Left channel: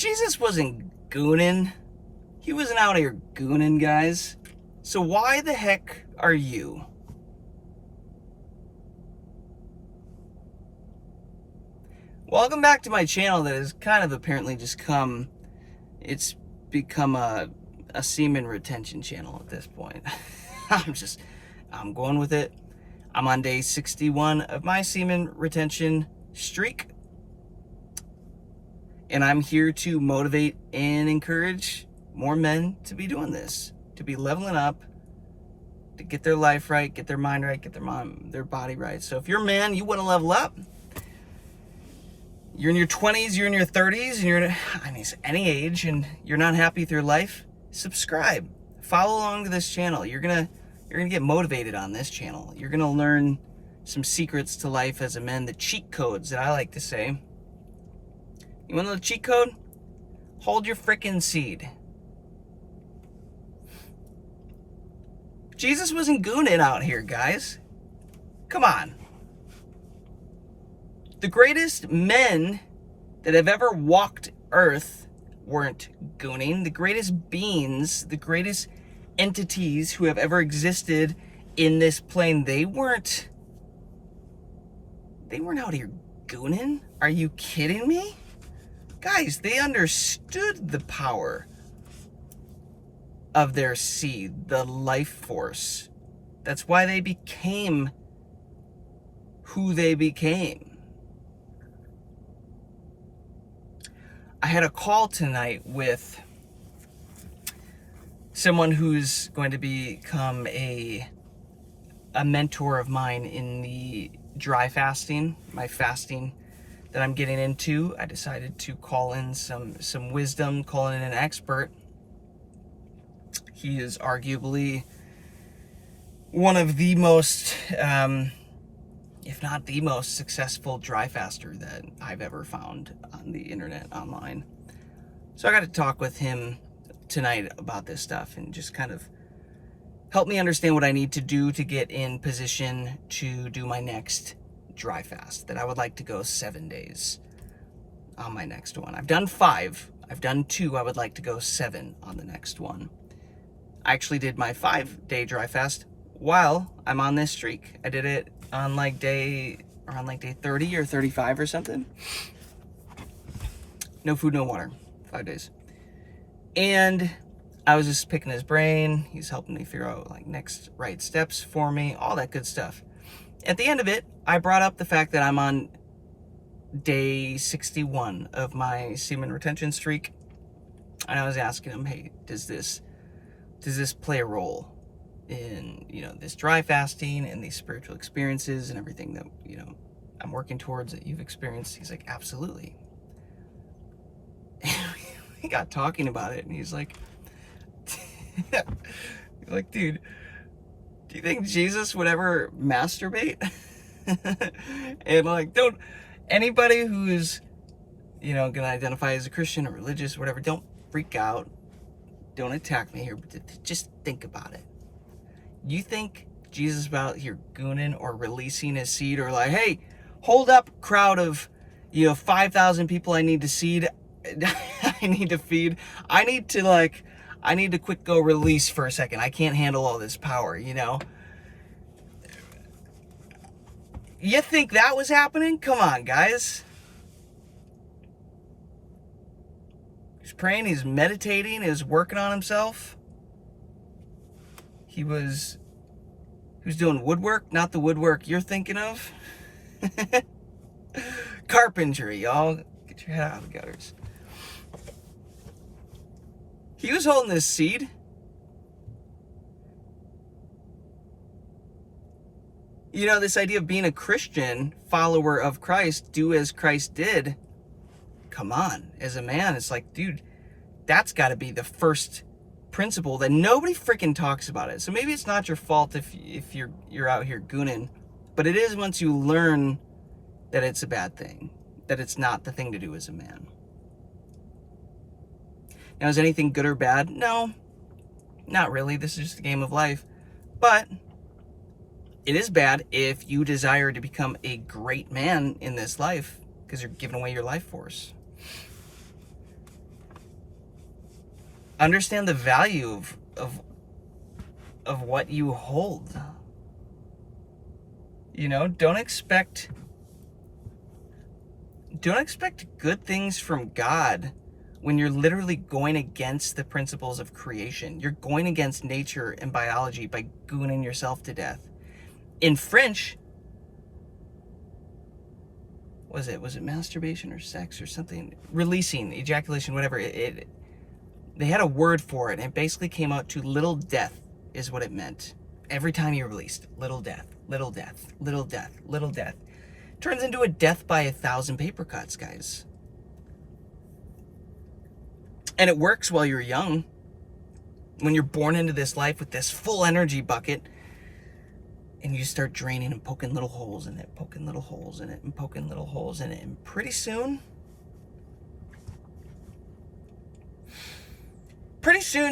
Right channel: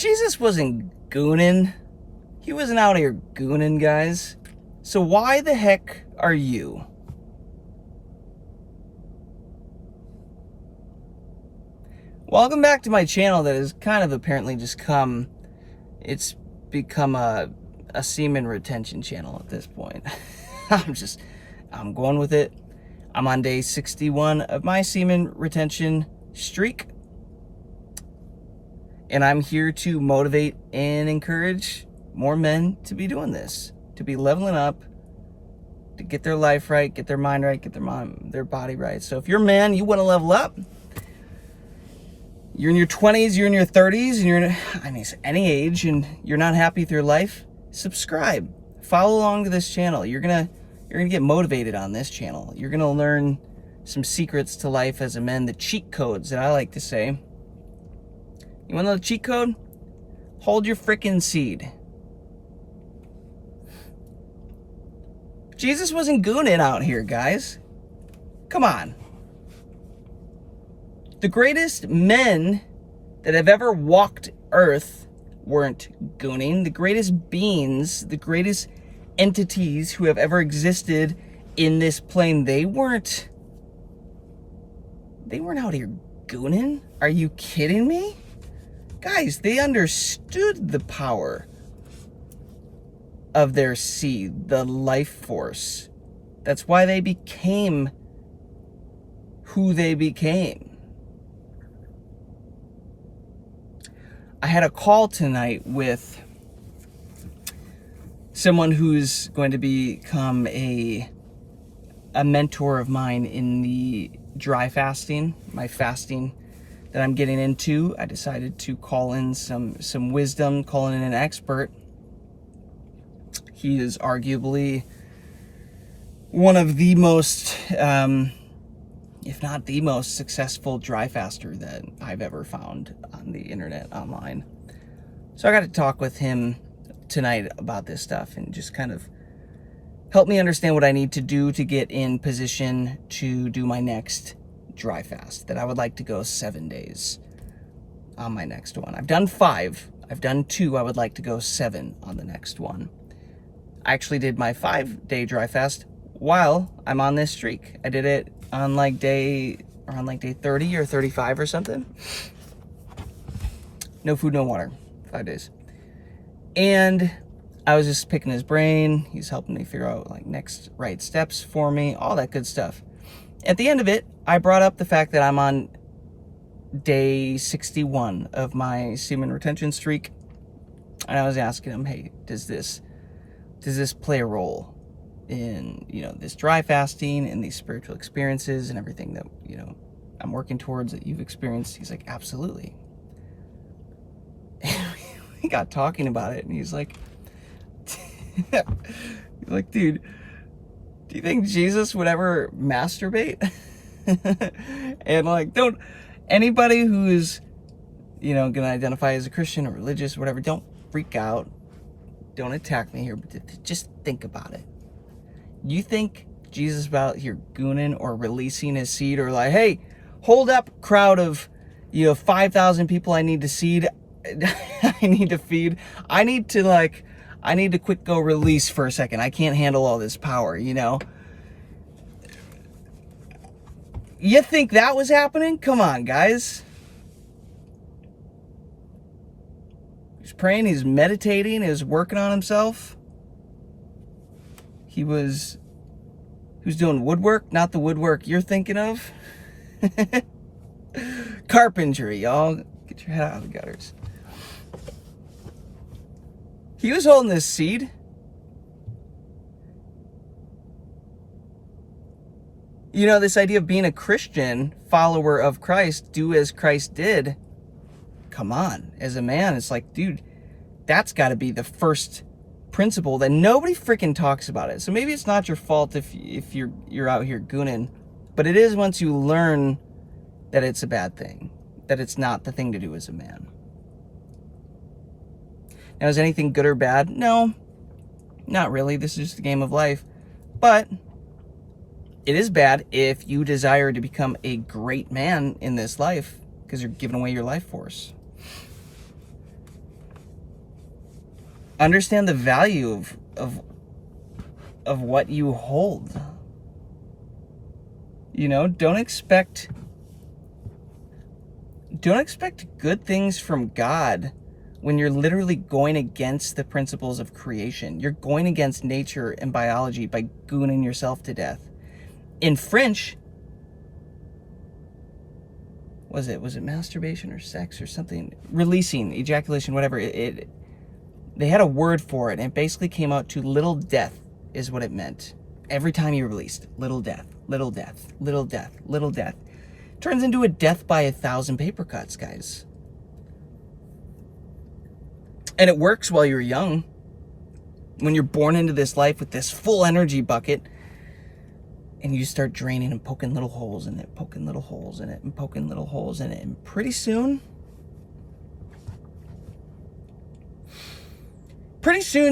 Jesus wasn't gooning. He wasn't out here gooning, guys. So why the heck are you? Welcome back to my channel that has kind of apparently just it's become a semen retention channel at this point. I'm going with it. I'm on day 61 of my semen retention streak. And I'm here to motivate and encourage more men to be doing this, to be leveling up, to get their life right, get their mind right, get their body right. So if you're a man, you want to level up, you're in your 20s, you're in your 30s, and you're in, any age, and you're not happy with your life, subscribe. Follow along to this channel. You're gonna get motivated on this channel. You're gonna learn some secrets to life as a man, the cheat codes that I like to say. You want to know the cheat code? Hold your frickin' seed. Jesus wasn't gooning out here, guys. Come on. The greatest men that have ever walked Earth weren't gooning. The greatest beings, the greatest entities who have ever existed in this plane, they weren't out here gooning. Are you kidding me? Guys, they understood the power of their seed, the life force. That's why they became who they became. I had a call tonight with someone who's going to become a mentor of mine in the dry fasting, my fasting that I'm getting into. I decided to call in some wisdom, calling in an expert. He is arguably one of the most, if not the most successful dry faster that I've ever found on the internet, online. So I got to talk with him tonight about this stuff and just kind of help me understand what I need to do to get in position to do my next dry fast, that I would like to go 7 days on my next one. I've done 5. I've done 2. I would like to go 7 on the next one. I actually did my 5-day dry fast while I'm on this streak. I did it on around day 30 or 35 or something. No food, no water, 5 days. And I was just picking his brain. He's helping me figure out next right steps for me, all that good stuff. At the end of it, I brought up the fact that I'm on day 61 of my semen retention streak. And I was asking him, hey, does this play a role in, this dry fasting and these spiritual experiences and everything that, I'm working towards, that you've experienced? He's like, absolutely. We got talking about it, and he's like, dude, do you think Jesus would ever masturbate? And don't, anybody who's, gonna identify as a Christian or religious or whatever, don't freak out. Don't attack me here, but just think about it. You think Jesus is out here gooning or releasing his seed, or hey, hold up, crowd of 5,000 people I need to seed, I need to feed, I need to quick go release for a second. I can't handle all this power, You think that was happening? Come on, guys. He's praying, he's meditating, he was working on himself. He was doing woodwork, not the woodwork you're thinking of. Carpentry, y'all. Get your head out of the gutters. He was holding this seed. This idea of being a Christian, follower of Christ, do as Christ did. Come on, as a man, it's dude, that's got to be the first principle that nobody freaking talks about it. So maybe it's not your fault if you're out here gooning, but it is once you learn that it's a bad thing, that it's not the thing to do as a man. Now, is anything good or bad? No, not really. This is just a game of life. But it is bad if you desire to become a great man in this life, because you're giving away your life force. Understand the value of what you hold. You know, don't expect good things from God when you're literally going against the principles of creation. You're going against nature and biology by gooning yourself to death. In French, was it masturbation or sex or something? Releasing, ejaculation, whatever. They had a word for it, and it basically came out to little death is what it meant. Every time you released, little death, little death, little death, little death. Turns into a death by 1,000 paper cuts, guys. And it works while you're young. When you're born into this life with this full energy bucket, and you start draining and poking little holes in it, poking little holes in it, and poking little holes in it. And pretty soon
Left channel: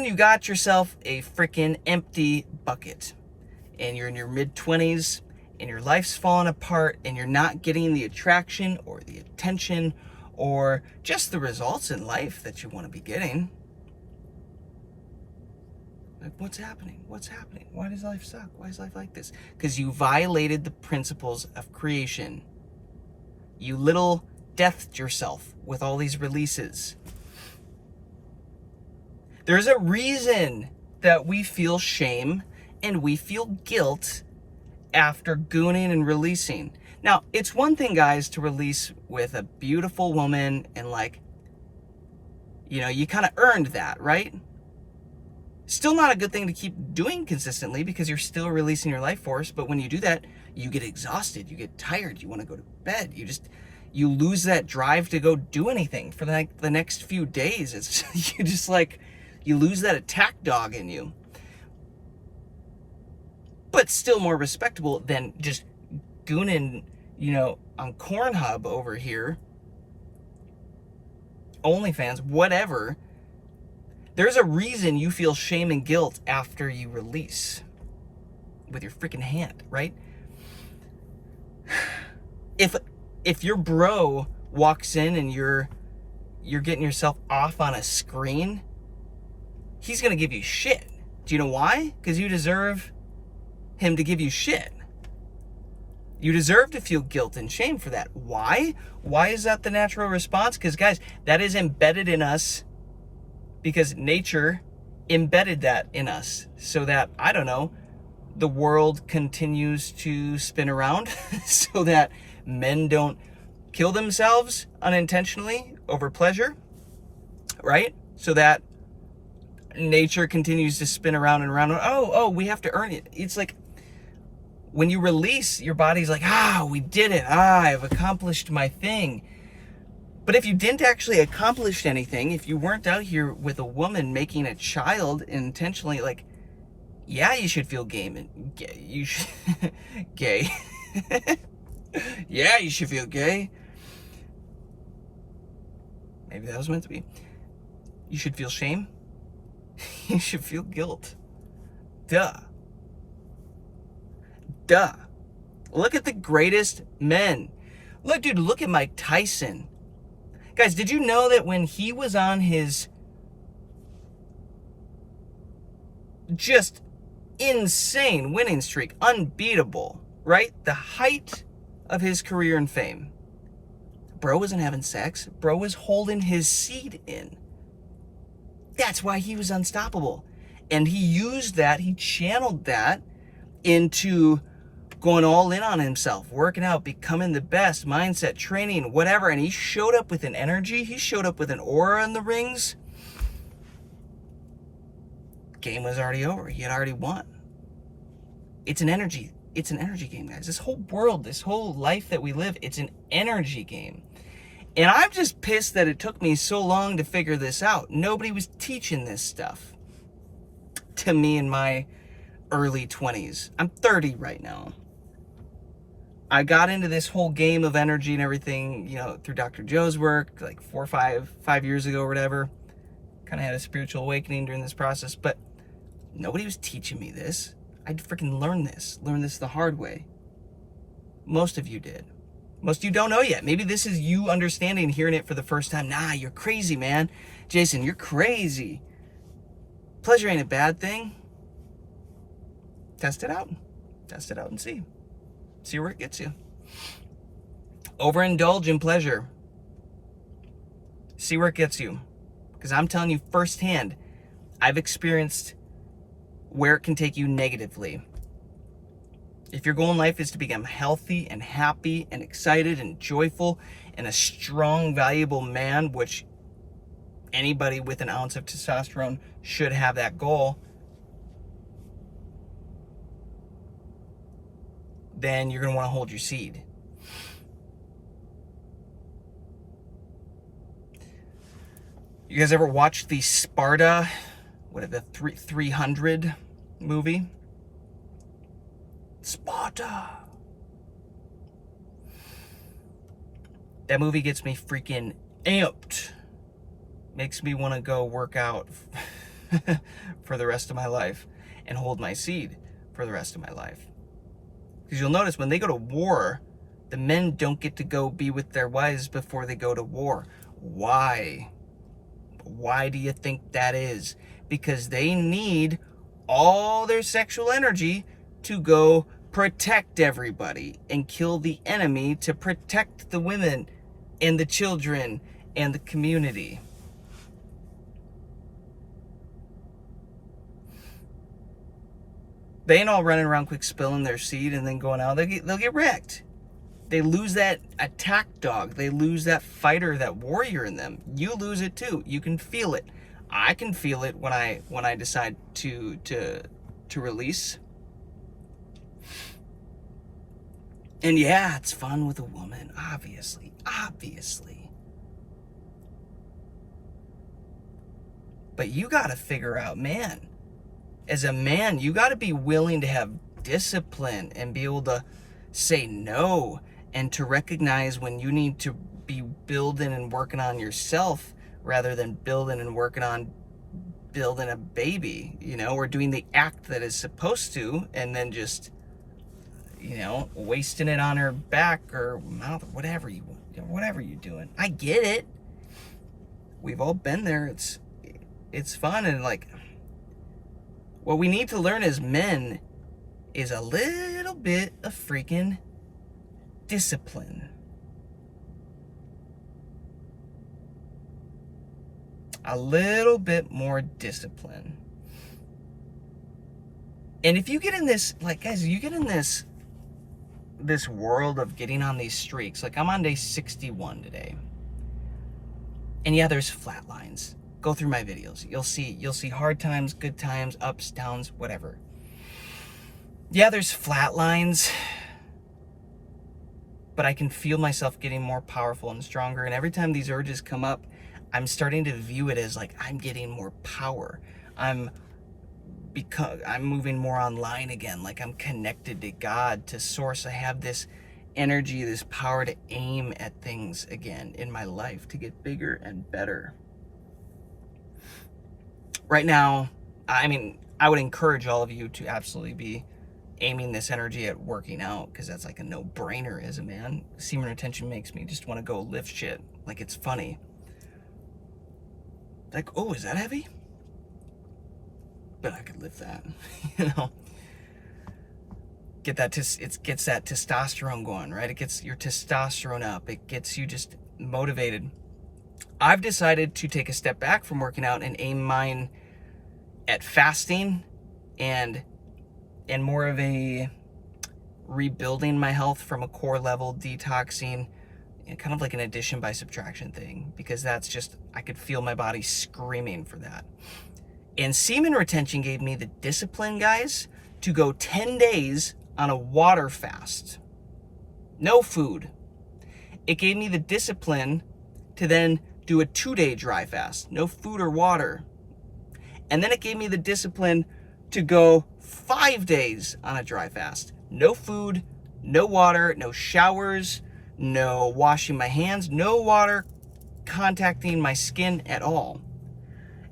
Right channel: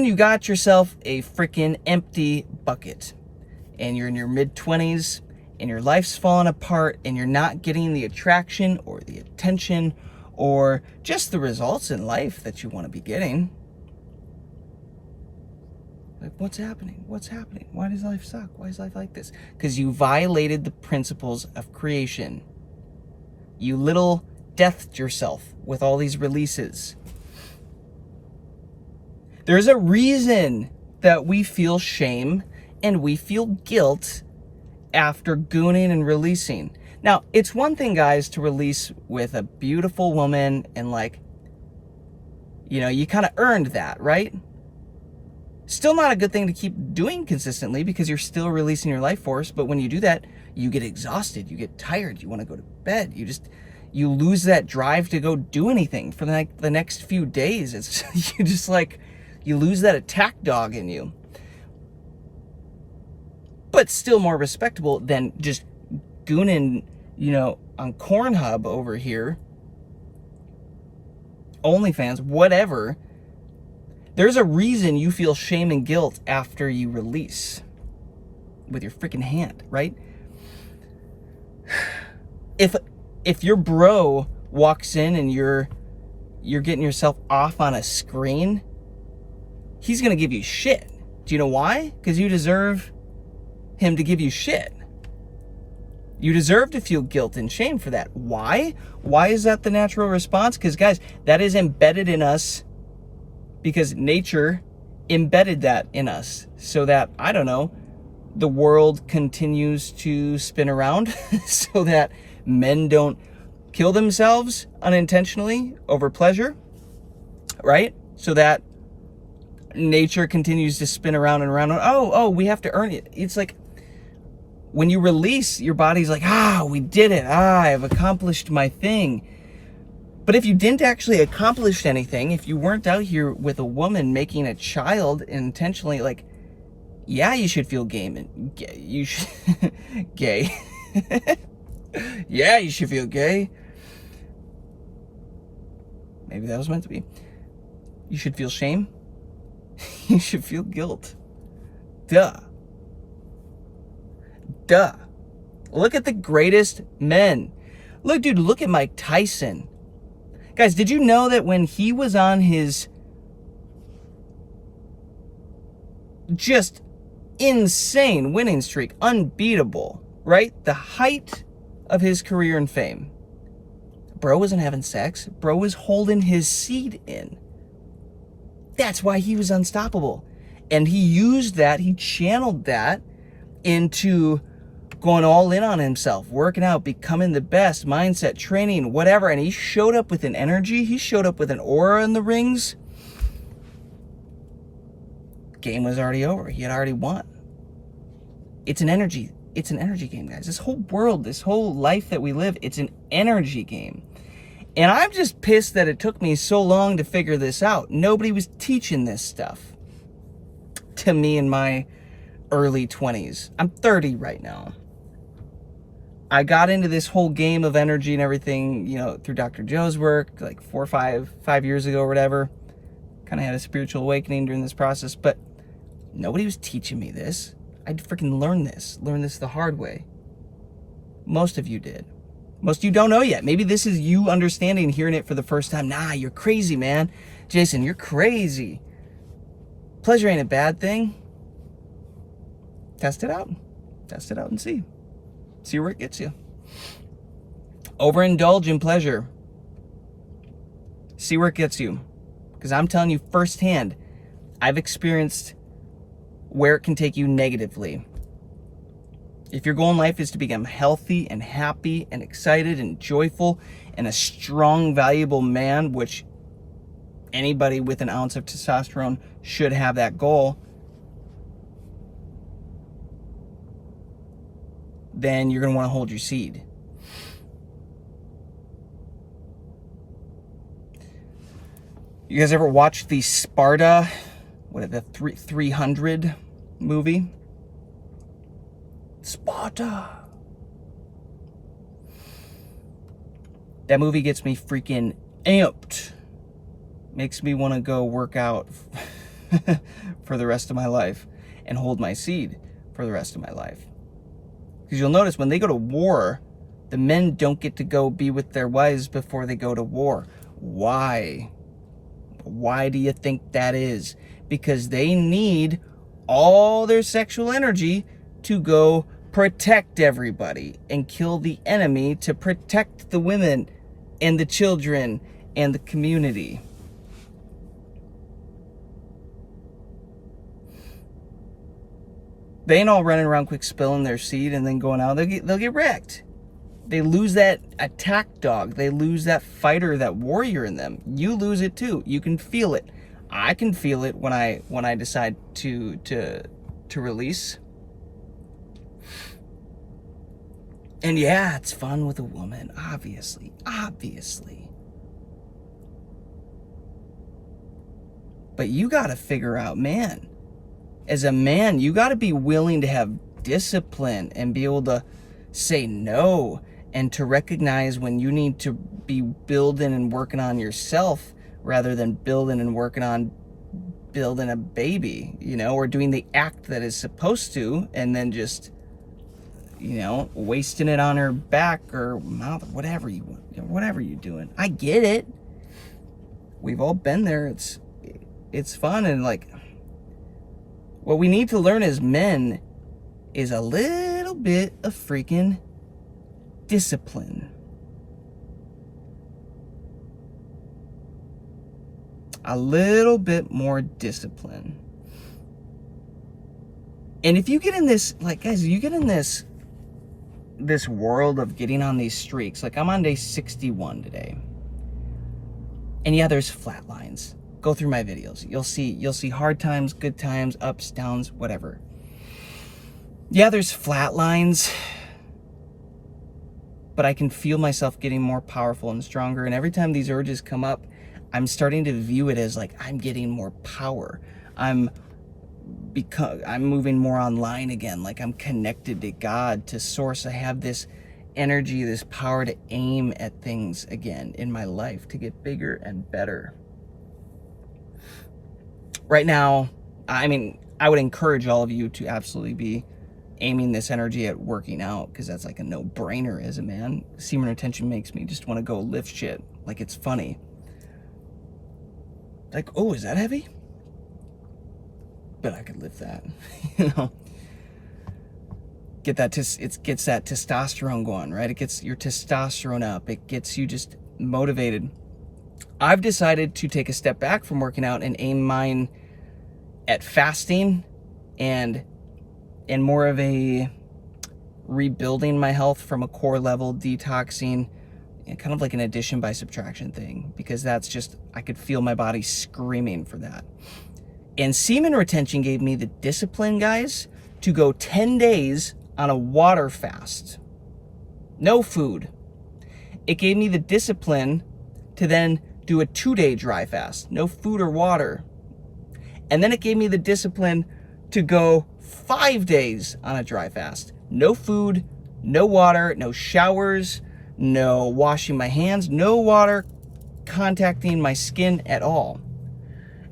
you got yourself a freaking empty bucket. And you're in your mid-20s, and your life's falling apart, and you're not getting the attraction or the attention or just the results in life that you want to be getting. Like, what's happening? What's happening? Why does life suck? Why is life like this? Because you violated the principles of creation. You little deathed yourself with all these releases. There's a reason that we feel shame and we feel guilt after gooning and releasing. Now, it's one thing, guys, to release with a beautiful woman and, like, you know, you kind of earned that, right? Still not a good thing to keep doing consistently because you're still releasing your life force. But when you do that, you get exhausted, you get tired, you want to go to bed. You lose that drive to go do anything for the next few days. It's you just like, you lose that attack dog in you. But still more respectable than just gooning, you know, on Cornhub over here, OnlyFans, whatever. There's a reason you feel shame and guilt after you release with your freaking hand, right? If your bro walks in and you're getting yourself off on a screen, he's gonna give you shit. Do you know why? Because you deserve him to give you shit. You deserve to feel guilt and shame for that. Why? Why is that the natural response? Because, guys, that is embedded in us because nature embedded that in us so that, I don't know, the world continues to spin around so that men don't kill themselves unintentionally over pleasure, right? So that nature continues to spin around and around. Oh, we have to earn it. It's like when you release, your body's like, we did it. I've accomplished my thing. But if you didn't actually accomplish anything, if you weren't out here with a woman making a child intentionally, like, yeah, you should feel gay. You should gay. Yeah, you should feel gay. Maybe that was meant to be. You should feel shame. You should feel guilt. Duh. Look at the greatest men. Look, dude, look at Mike Tyson. Guys, did you know that when he was on his just insane winning streak, unbeatable, right? The height of his career and fame, bro wasn't having sex. Bro was holding his seed in. That's why he was unstoppable. And he used that, he channeled that into going all in on himself, working out, becoming the best, mindset, training, whatever. And he showed up with an energy. He showed up with an aura in the rings. Game was already over. He had already won. It's an energy game, guys. This whole world, this whole life that we live, it's an energy game. And I'm just pissed that it took me so long to figure this out. Nobody was teaching this stuff to me in my early 20s. I'm 30 right now. I got into this whole game of energy and everything, you know, through Dr. Joe's work, like 4 or 5 years ago or whatever. Kind of had a spiritual awakening during this process, but nobody was teaching me this. I freaking learned this the hard way. Most of you did. Most of you don't know yet. Maybe this is you understanding, hearing it for the first time. Nah, you're crazy, man. Jason, you're crazy. Pleasure ain't a bad thing. Test it out. Test it out and see. See where it gets you. Overindulge in pleasure. See where it gets you. Because I'm telling you firsthand, I've experienced where it can take you negatively. If your goal in life is to become healthy and happy and excited and joyful and a strong, valuable man, which anybody with an ounce of testosterone should have that goal, then you're going to want to hold your seed. You guys ever watch the Sparta, the 300 movie? Sparta. That movie gets me freaking amped. Makes me want to go work out for the rest of my life and hold my seed for the rest of my life. Because you'll notice when they go to war, the men don't get to go be with their wives before they go to war. Why? Why do you think that is? Because they need all their sexual energy to go protect everybody and kill the enemy to protect the women and the children and the community. They ain't all running around quick spilling their seed and then going out. They'll get wrecked. They lose that attack dog. They lose that fighter, that warrior in them. You lose it too. You can feel it. I can feel it when I decide to release. And yeah, it's fun with a woman, obviously. But you got to figure out, man, as a man, you got to be willing to have discipline and be able to say no and to recognize when you need to be building and working on yourself rather than building and working on building a baby, or doing the act that is supposed to and then just, wasting it on her back or mouth or whatever you're doing. I get it. We've all been there. It's fun, and what we need to learn as men is a little bit of freaking discipline. A little bit more discipline. And if you get in this, guys, you get in this world of getting on these streaks. I'm on day 61 today. And yeah, there's flat lines. Go through my videos. You'll see hard times, good times, ups, downs, whatever. Yeah, there's flat lines. But I can feel myself getting more powerful and stronger. And every time these urges come up, I'm starting to view it as I'm getting more power. I'm moving more online again. I'm connected to God, to Source. I have this energy, this power to aim at things again in my life to get bigger and better. Right now, I would encourage all of you to absolutely be aiming this energy at working out, because that's a no-brainer as a man. Semen retention makes me just want to go lift shit. It's funny. Oh, is that heavy? But I could lift that. It gets that testosterone going, right? It gets your testosterone up. It gets you just motivated. I've decided to take a step back from working out and aim mine at fasting and more of a rebuilding my health from a core level, detoxing, and kind of an addition by subtraction thing, because that's just, I could feel my body screaming for that. And semen retention gave me the discipline, guys, to go 10 days on a water fast. No food. It gave me the discipline to then do a 2-day dry fast. No food or water. And then it gave me the discipline to go 5 days on a dry fast. No food, no water, no showers, no washing my hands, no water contacting my skin at all.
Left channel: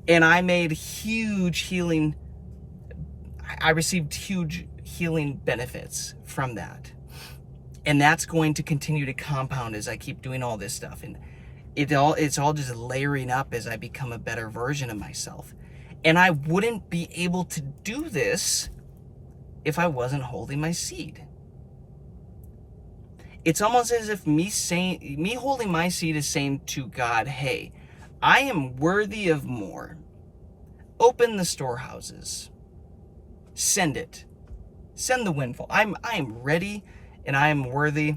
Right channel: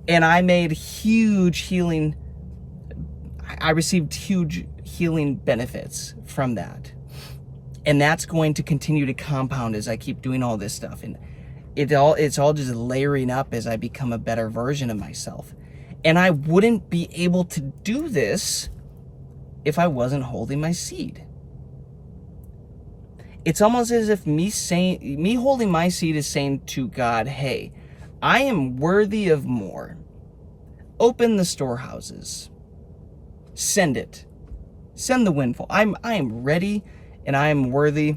And I made I received huge healing benefits from that. And that's going to continue to compound as I keep doing all this stuff. And it's all just layering up as I become a better version of myself. And I wouldn't be able to do this if I wasn't holding my seed. It's almost as if me holding my seed is saying to God, hey, I am worthy of more. Open the storehouses. Send it. Send the windfall. I am ready and I am worthy.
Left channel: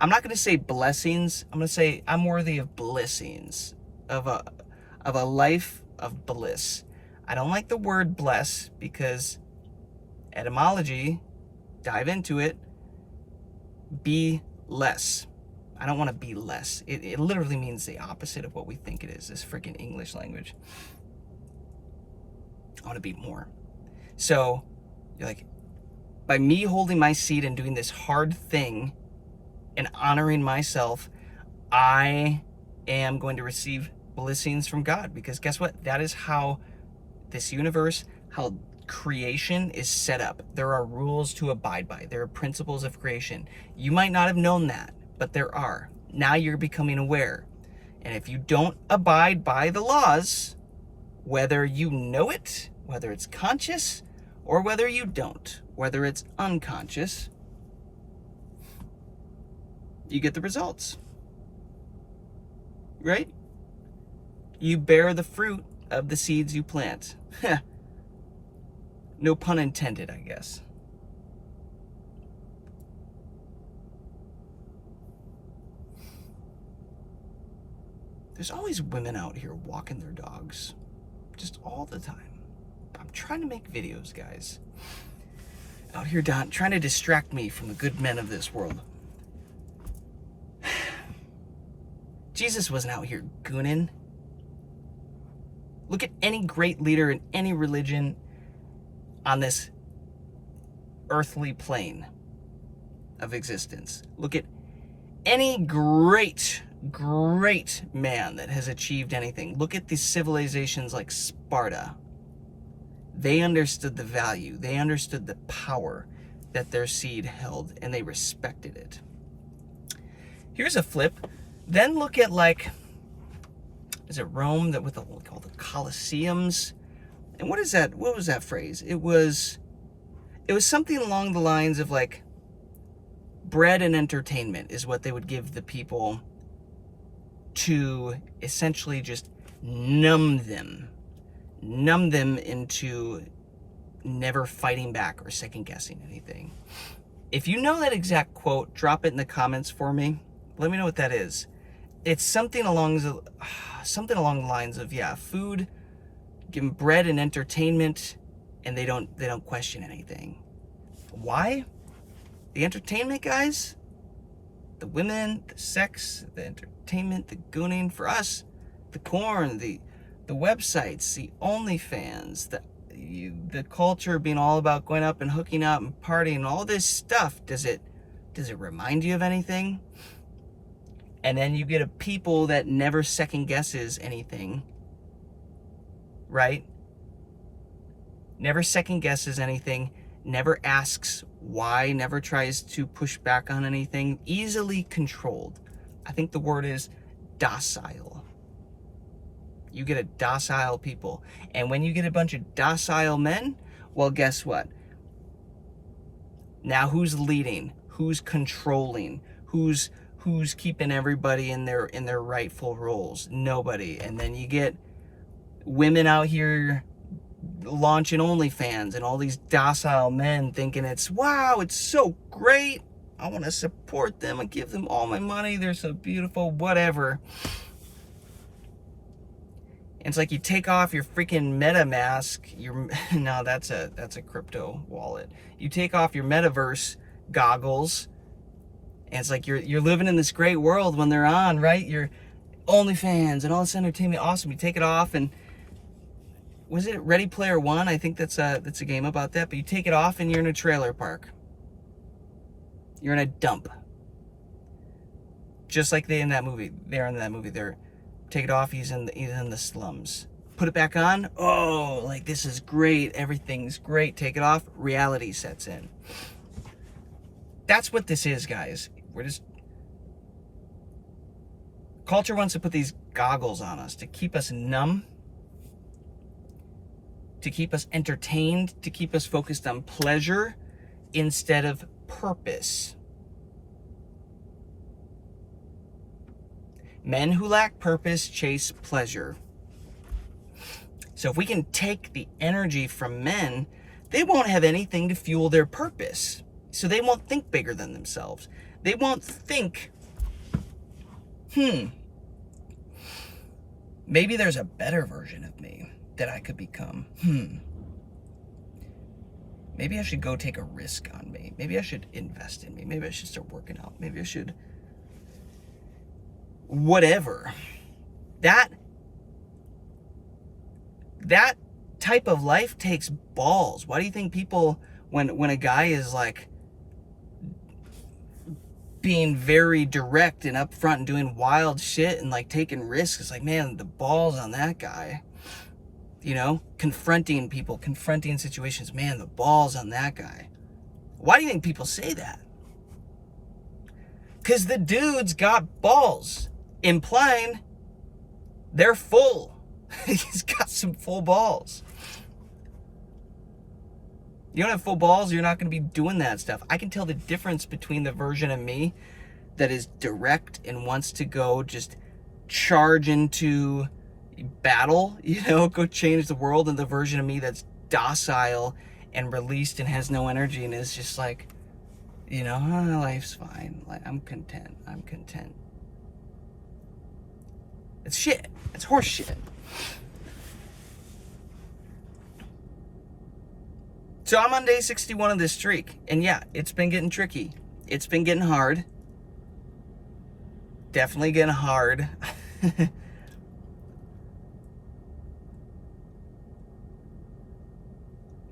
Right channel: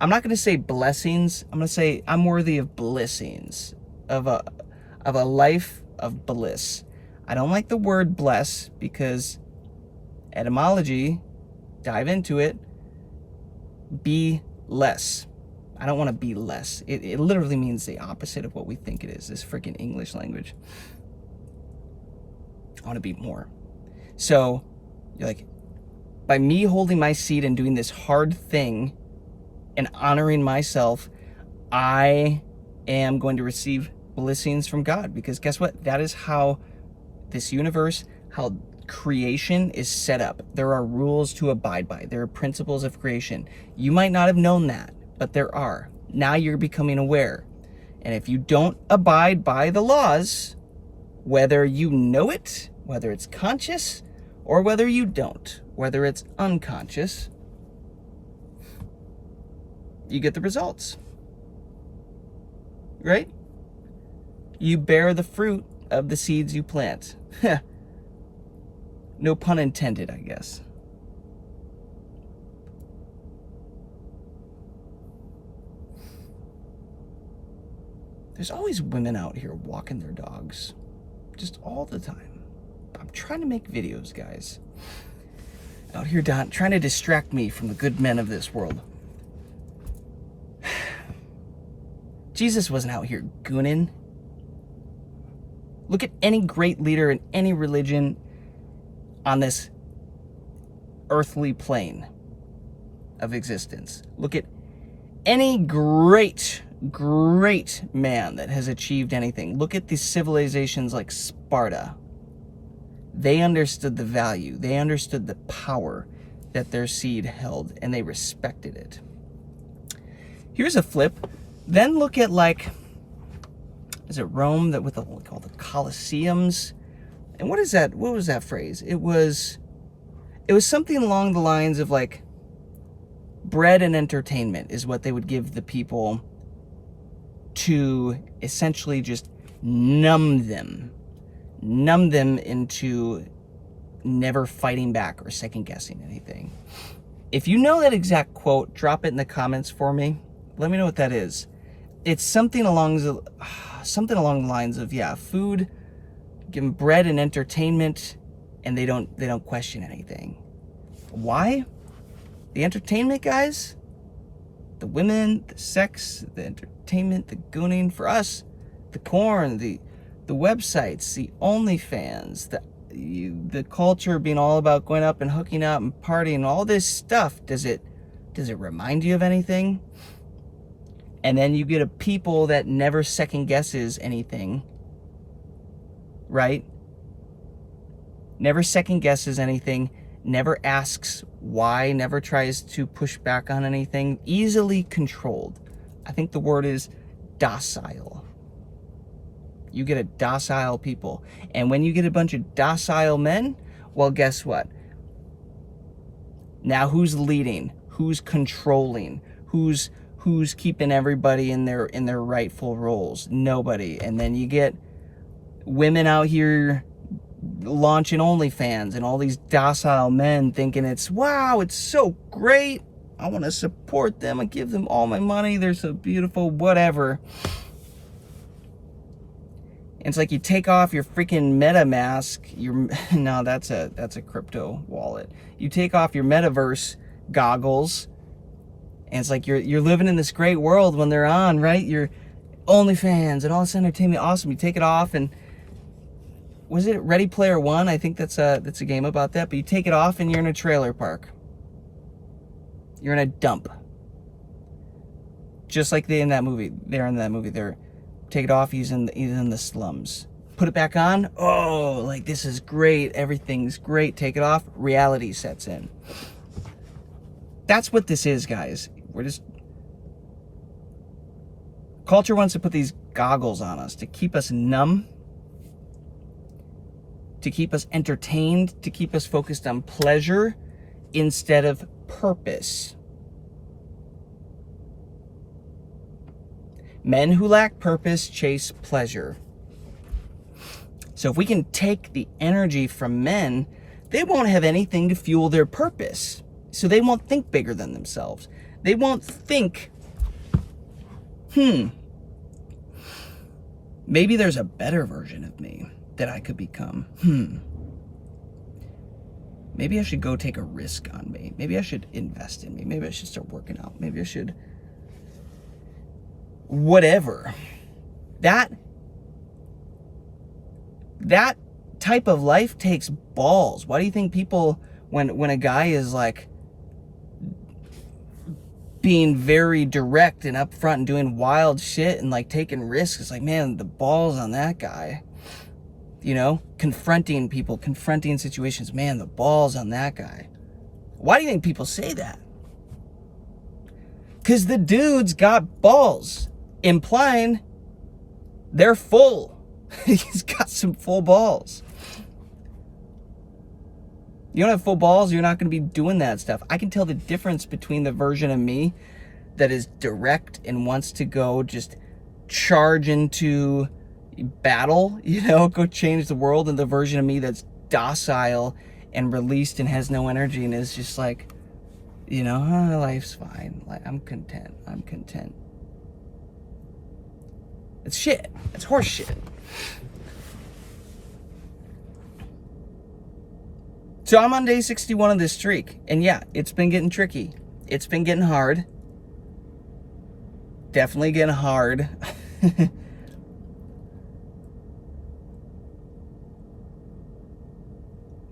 I'm not going to say blessings. I'm going to say I'm worthy of blessings, of a life of bliss. I don't like the word bless because etymology, dive into it, be less. I don't want to be less. It literally means the opposite of what we think it is, this freaking English language. I want to be more. So, you're like, by me holding my seat and doing this hard thing and honoring myself, I am going to receive blessings from God. Because guess what? That is how this universe, how creation is set up. There are rules to abide by. There are principles of creation. You might not have known that, but there are. Now you're becoming aware. And if you don't abide by the laws, whether you know it, whether it's conscious, or whether you don't, whether it's unconscious, you get the results. Right? You bear the fruit of the seeds you plant. No pun intended, I guess. There's always women out here walking their dogs. Just all the time. I'm trying to make videos, guys. Out here trying to distract me from the good men of this world. Jesus wasn't out here gooning. Look at any great leader in any religion on this earthly plane of existence. Look at any great man that has achieved anything. Look at these civilizations like Sparta. They understood the value. They understood the power that their seed held, and they respected it. Here's a flip. Then look at, like, is it Rome, that with all the Colosseums? And what is that? What was that phrase? It was something along the lines of, like, bread and entertainment is what they would give the people to essentially just numb them into never fighting back or second guessing anything. If you know that exact quote, drop it in the comments for me. Let me know what that is. It's something along the lines of, yeah, food, give them bread and entertainment, and they don't question anything. Why? The entertainment, guys, the women, the sex, the entertainment, the gooning, for us, the corn, the websites, the OnlyFans, the culture being all about going up and hooking up and partying, all this stuff. Does it remind you of anything? And then you get a people that never second guesses anything, right? Never second guesses anything, never asks why, never tries to push back on anything, easily controlled. I think the word is docile. You get a docile people. And when you get a bunch of docile men, well, guess what? Now who's leading? Who's controlling? Who's keeping everybody in their rightful roles? Nobody. And then you get women out here launching OnlyFans and all these docile men thinking it's, wow, it's so great. I want to support them and give them all my money. They're so beautiful, whatever. And it's like you take off your freaking MetaMask, no, that's a crypto wallet. You take off your metaverse goggles, and it's like you're living in this great world when they're on, right? Your OnlyFans and all this entertainment, awesome. You take it off, and was it Ready Player One? I think that's a game about that. But you take it off, and you're in a trailer park. You're in a dump, just like they're in that movie. They're take it off. He's in the slums. Put it back on. Oh, like this is great. Everything's great. Take it off. Reality sets in. That's what this is, guys. Culture wants to put these goggles on us to keep us numb to keep us entertained, to keep us focused on pleasure instead of purpose. Men who lack purpose chase pleasure. So if we can take the energy from men, they won't have anything to fuel their purpose. So they won't think bigger than themselves. They won't think, maybe there's a better version of me that I could become. Maybe I should go take a risk on me. Maybe I should invest in me. Maybe I should start working out. Maybe I should whatever. That type of life takes balls. Why do you think people, when a guy is like being very direct and upfront and doing wild shit and like taking risks, it's like, man, the balls on that guy. You know, confronting people, confronting situations, man, the balls on that guy. Why do you think people say that? Because the dude's got balls, implying they're full. He's got some full balls. You don't have full balls, you're not going to be doing that stuff. I can tell the difference between the version of me that is direct and wants to go just charge into battle, you know, go change the world, and the version of me that's docile and released and has no energy and is just like, you know, life's fine. Like, I'm content. It's shit. It's horse shit. So I'm on day 61 of this streak. And yeah, it's been getting tricky. It's been getting hard. Definitely getting hard.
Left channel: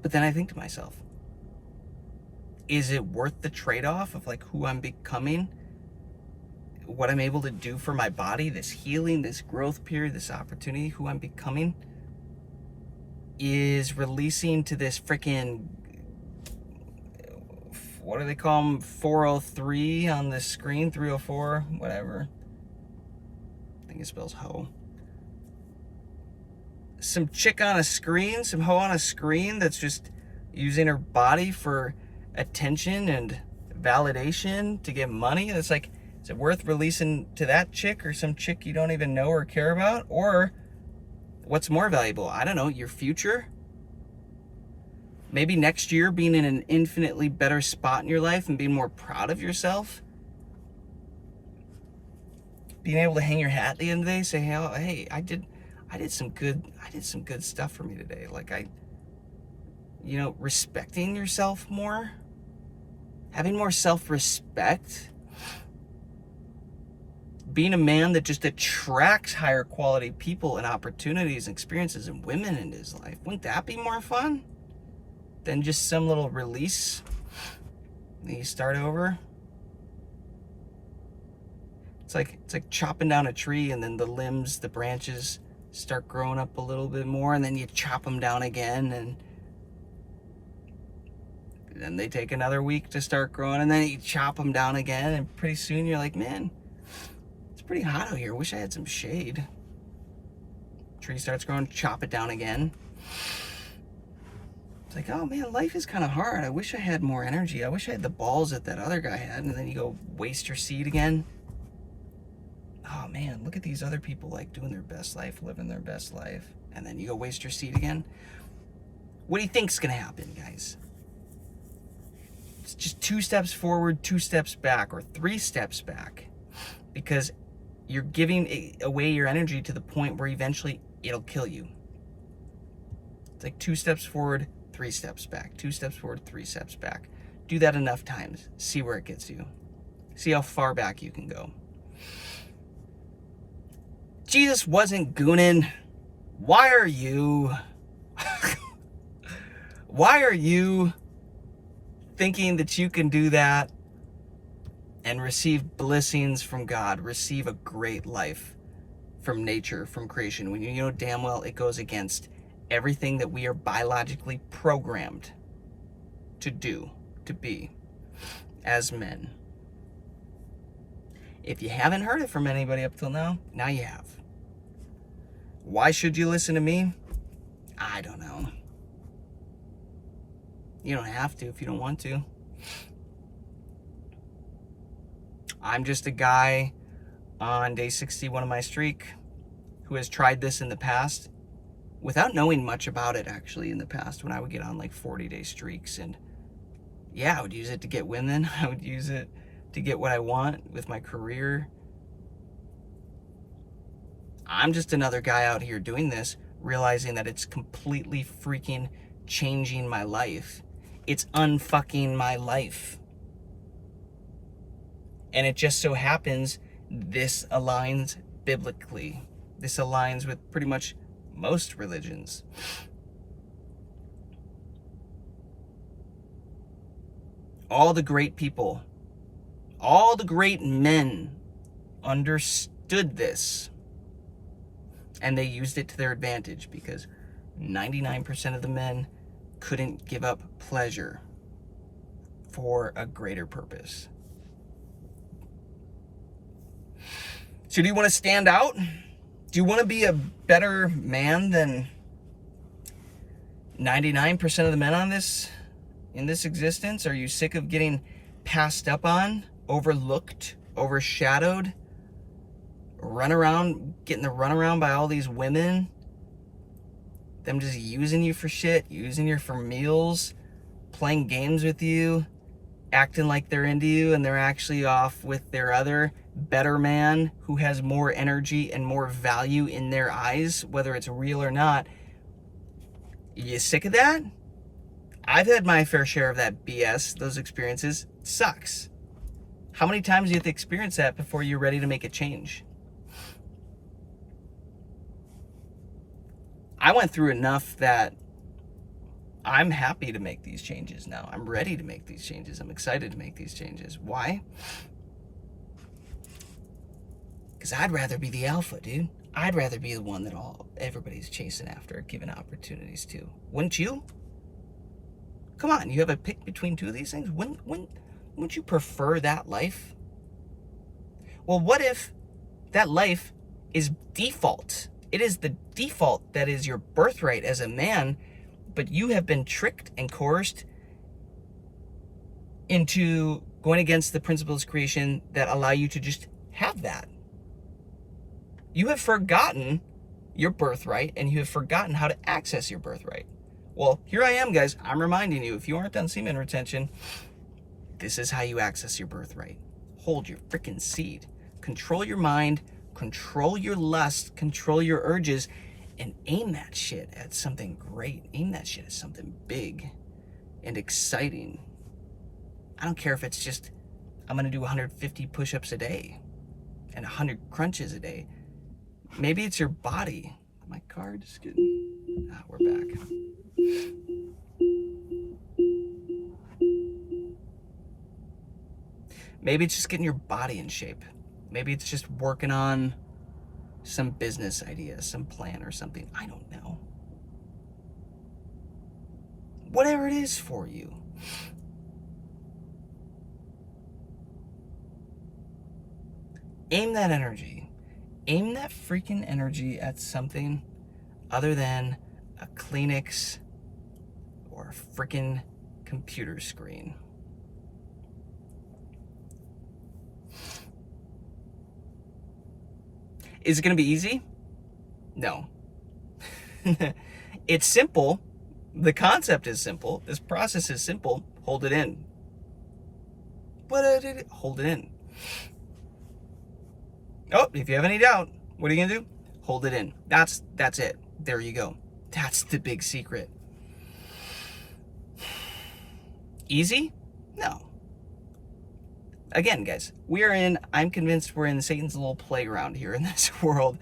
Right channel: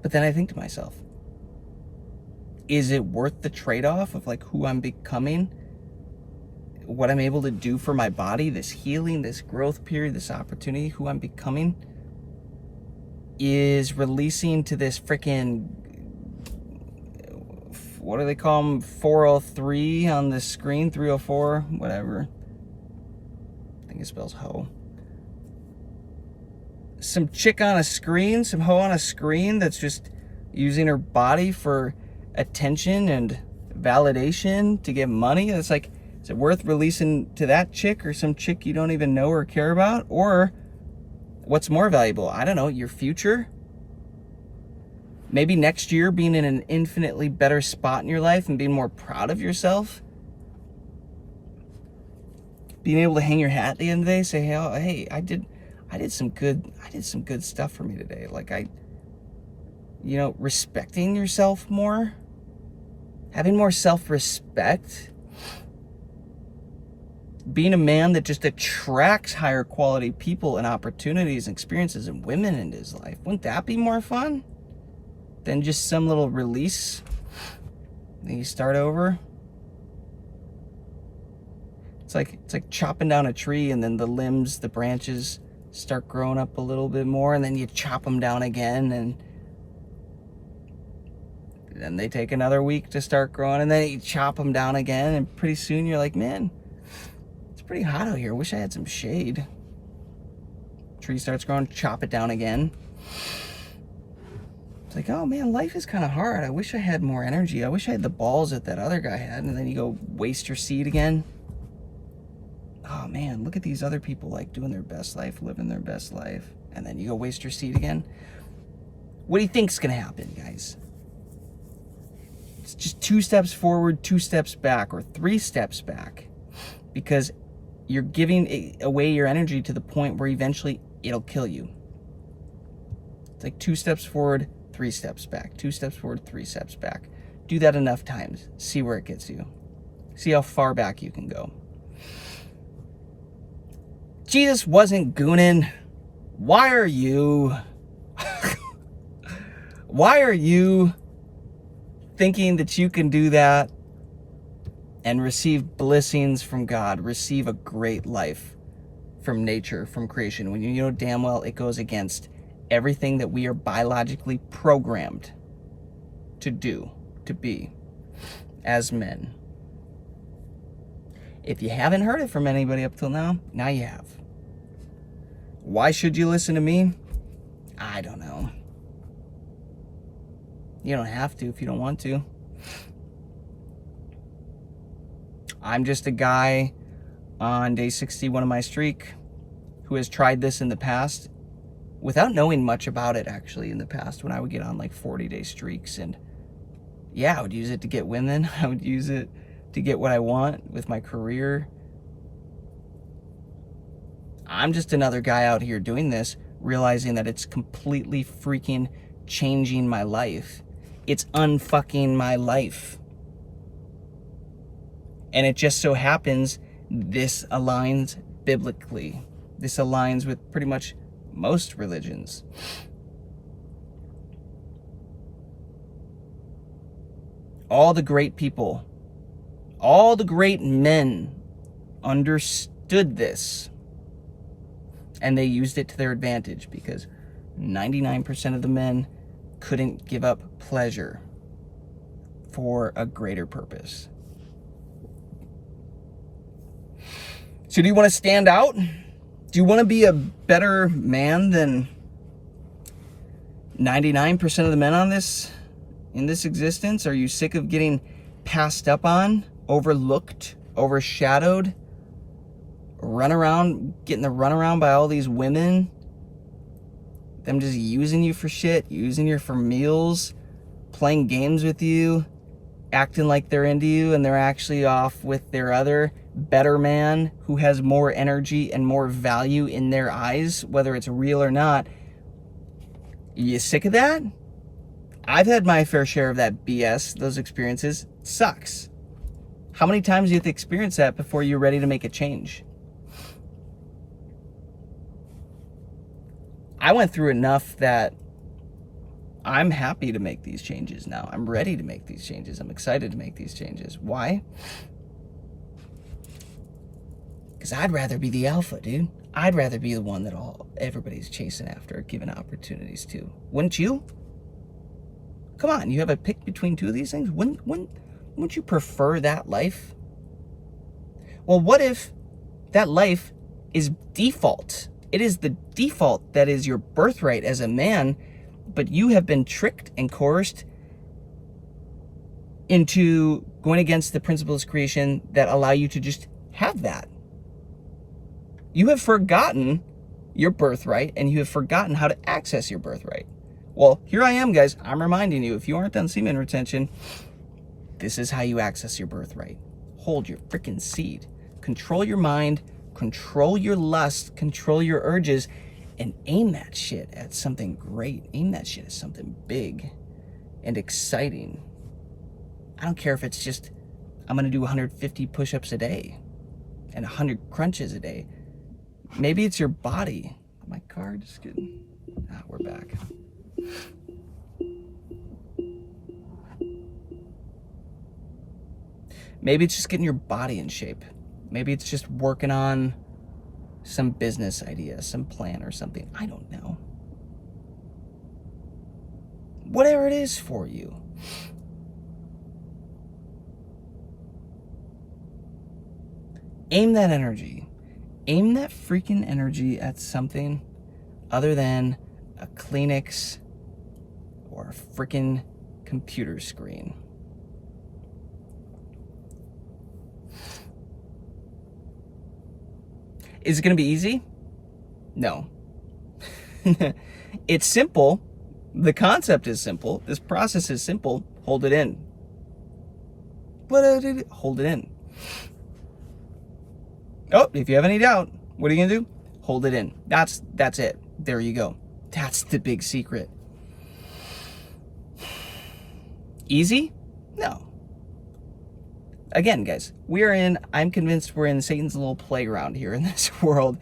But then I think to myself, is it worth the trade-off of like who I'm becoming? What I'm able to do for my body, this healing, this growth period, this opportunity, who I'm becoming, is releasing to this freaking, what do they call them, 403 on the screen, 304, whatever. I think it spells hoe. Some chick on a screen, some hoe on a screen that's just using her body for attention and validation to get money. It's like, is it worth releasing to that chick or some chick you don't even know or care about? Or what's more valuable? I don't know, your future? Maybe next year being in an infinitely better spot in your life and being more proud of yourself? Being able to hang your hat at the end of the day, say, hey, I did some good stuff for me today. Like, respecting yourself more, having more self-respect, being a man that just attracts higher quality people and opportunities and experiences and women into his life. Wouldn't that be more fun than just some little release? Then you start over. It's like chopping down a tree, and then the limbs, the branches start growing up a little bit more, and then you chop them down again, and then they take another week to start growing, and then you chop them down again, and pretty soon you're like, man, it's pretty hot out here. Wish I had some shade. Tree starts growing, chop it down again. It's like, oh man, life is kind of hard. I wish I had more energy. I wish I had the balls that other guy had. And then you go waste your seed again. Oh man, look at these other people like doing their best life, living their best life. And then you go waste your seed again. What do you think's gonna happen, guys? It's just 2 steps forward, 2 steps back, or 3 steps back. Because you're giving away your energy to the point where eventually it'll kill you. It's like 2 steps forward, 3 steps back. 2 steps forward, 3 steps back. Do that enough times. See where it gets you. See how far back you can go. Jesus wasn't gooning. Why are you? Why are you thinking that you can do that and receive blessings from God, receive a great life from nature, from creation, when you know damn well it goes against everything that we are biologically programmed to do, to be, as men? If you haven't heard it from anybody up till now, now you have. Why should you listen to me? I don't know. You don't have to if you don't want to. I'm just a guy on day 61 of my streak who has tried this in the past without knowing much about it, actually, in the past, when I would get on like 40-day streaks. And yeah, I would use it to get women. I would use it to get what I want with my career. I'm just another guy out here doing this, realizing that it's completely freaking changing my life. It's unfucking my life. And it just so happens this aligns biblically. This aligns with pretty much most religions. All the great people, all the great men understood this, and they used it to their advantage, because 99% of the men couldn't give up pleasure for a greater purpose. So do you want to stand out? Do you want to be a better man than 99% of the men in this existence? Are you sick of getting passed up on, overlooked, overshadowed, getting the runaround by all these women? Them just using you for shit, using you for meals, playing games with you, acting like they're into you, and they're actually off with their other better man who has more energy and more value in their eyes, whether it's real or not. You sick of that? I've had my fair share of that BS, those experiences. It sucks. How many times do you have to experience that before you're ready to make a change? I went through enough that I'm happy to make these changes now. I'm ready to make these changes. I'm excited to make these changes. Why? Because I'd rather be the alpha, dude. I'd rather be the one that everybody's chasing after, given opportunities to. Wouldn't you? Come on, you have a pick between two of these things? Wouldn't you prefer that life? Well, what if that life is default? It is the default that is your birthright as a man, but you have been tricked and coerced into going against the principles of creation that allow you to just have that. You have forgotten your birthright, and you have forgotten how to access your birthright. Well, here I am, guys. I'm reminding you, if you aren't on semen retention, this is how you access your birthright. Hold your freaking seed. Control your mind, control your lust, control your urges, and aim that shit at something great. Aim that shit at something big and exciting. I don't care if it's just, I'm going to do 150 push-ups a day and 100 crunches a day. Maybe it's your body. My car just getting... we're back. Maybe it's just getting your body in shape. Maybe it's just working on some business idea, some plan or something. I don't know. Whatever it is for you. Aim that energy. Aim that freaking energy at something other than a Kleenex or a freaking computer screen. Is it going to be easy? No. It's simple. The concept is simple. This process is simple. Hold it in. Hold it in. Oh, if you have any doubt, what are you gonna do? Hold it in. That's it. There you go. That's the big secret. Easy? No. Again, guys, I'm convinced we're in Satan's little playground here in this world,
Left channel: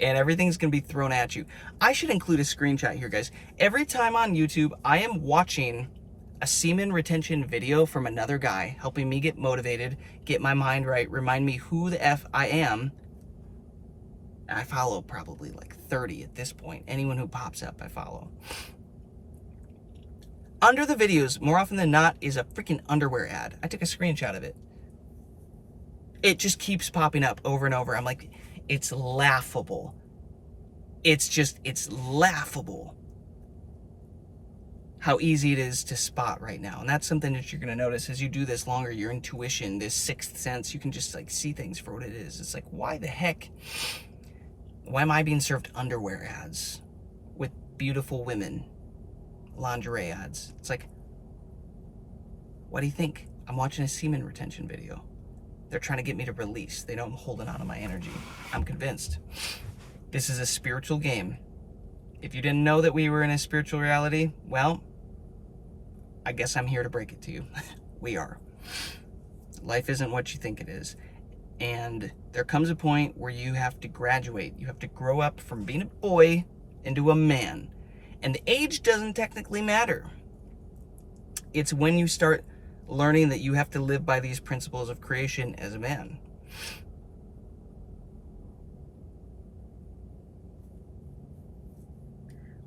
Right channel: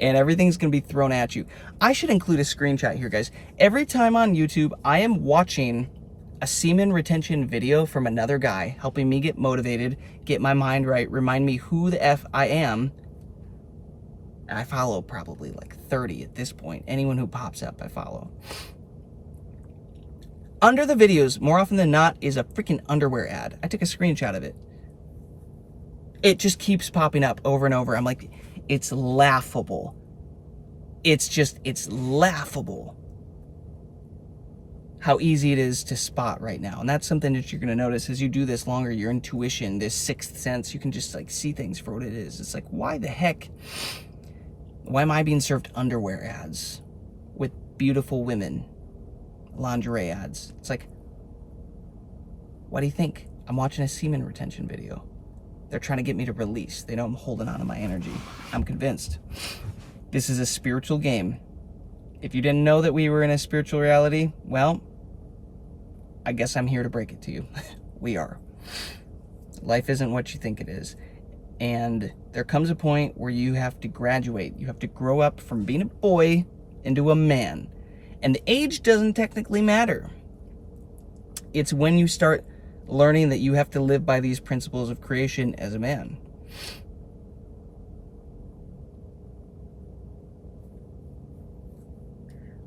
and everything's gonna be thrown at you. I should include a screenshot here, guys. Every time on YouTube, I am watching a semen retention video from another guy, helping me get motivated, get my mind right, remind me who the F I am. And I follow probably like 30 at this point. Anyone who pops up, I follow. Under the videos, more often than not, is a freaking underwear ad. I took a screenshot of it. It just keeps popping up over and over. I'm like, it's laughable. It's laughable. how easy it is to spot right now. And that's something that you're going to notice as you do this longer. Your intuition, this sixth sense, you can just like see things for what it is. It's like, why the heck, why am I being served underwear ads with beautiful women, lingerie ads? It's like, what do you think? I'm watching a semen retention video. They're trying to get me to release. They know I'm holding on to my energy. I'm convinced. This is a spiritual game. If you didn't know that we were in a spiritual reality, well, I guess I'm here to break it to you. We are. Life isn't what you think it is. And there comes a point where you have to graduate. You have to grow up from being a boy into a man. And the age doesn't technically matter. It's when you start learning that you have to live by these principles of creation as a man.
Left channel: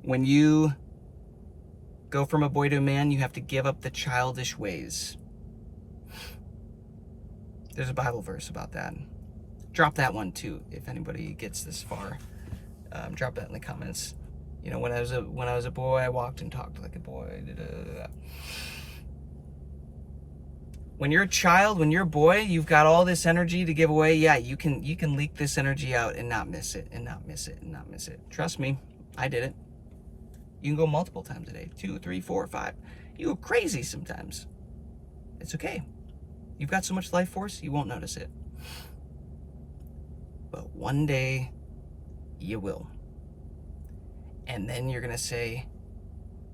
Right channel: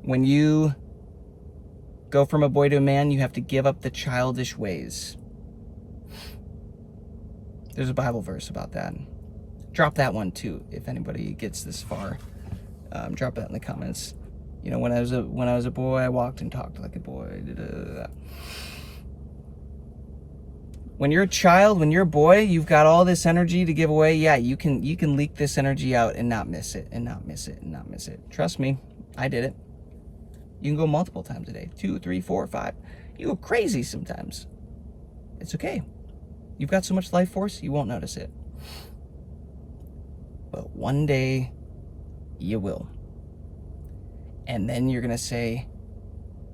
When you go from a boy to a man, you have to give up the childish ways. There's a Bible verse about that. Drop that one too, if anybody gets this far. Drop that in the comments. You know, when I was a boy, I walked and talked like a boy. When you're a child, when you're a boy, you've got all this energy to give away. Yeah, you can leak this energy out and not miss it, and not miss it, and not miss it. Trust me, I did it. You can go multiple times a day, 2, 3, 4, 5. You go crazy sometimes. It's okay. You've got so much life force, you won't notice it. But one day, you will. And then you're gonna say,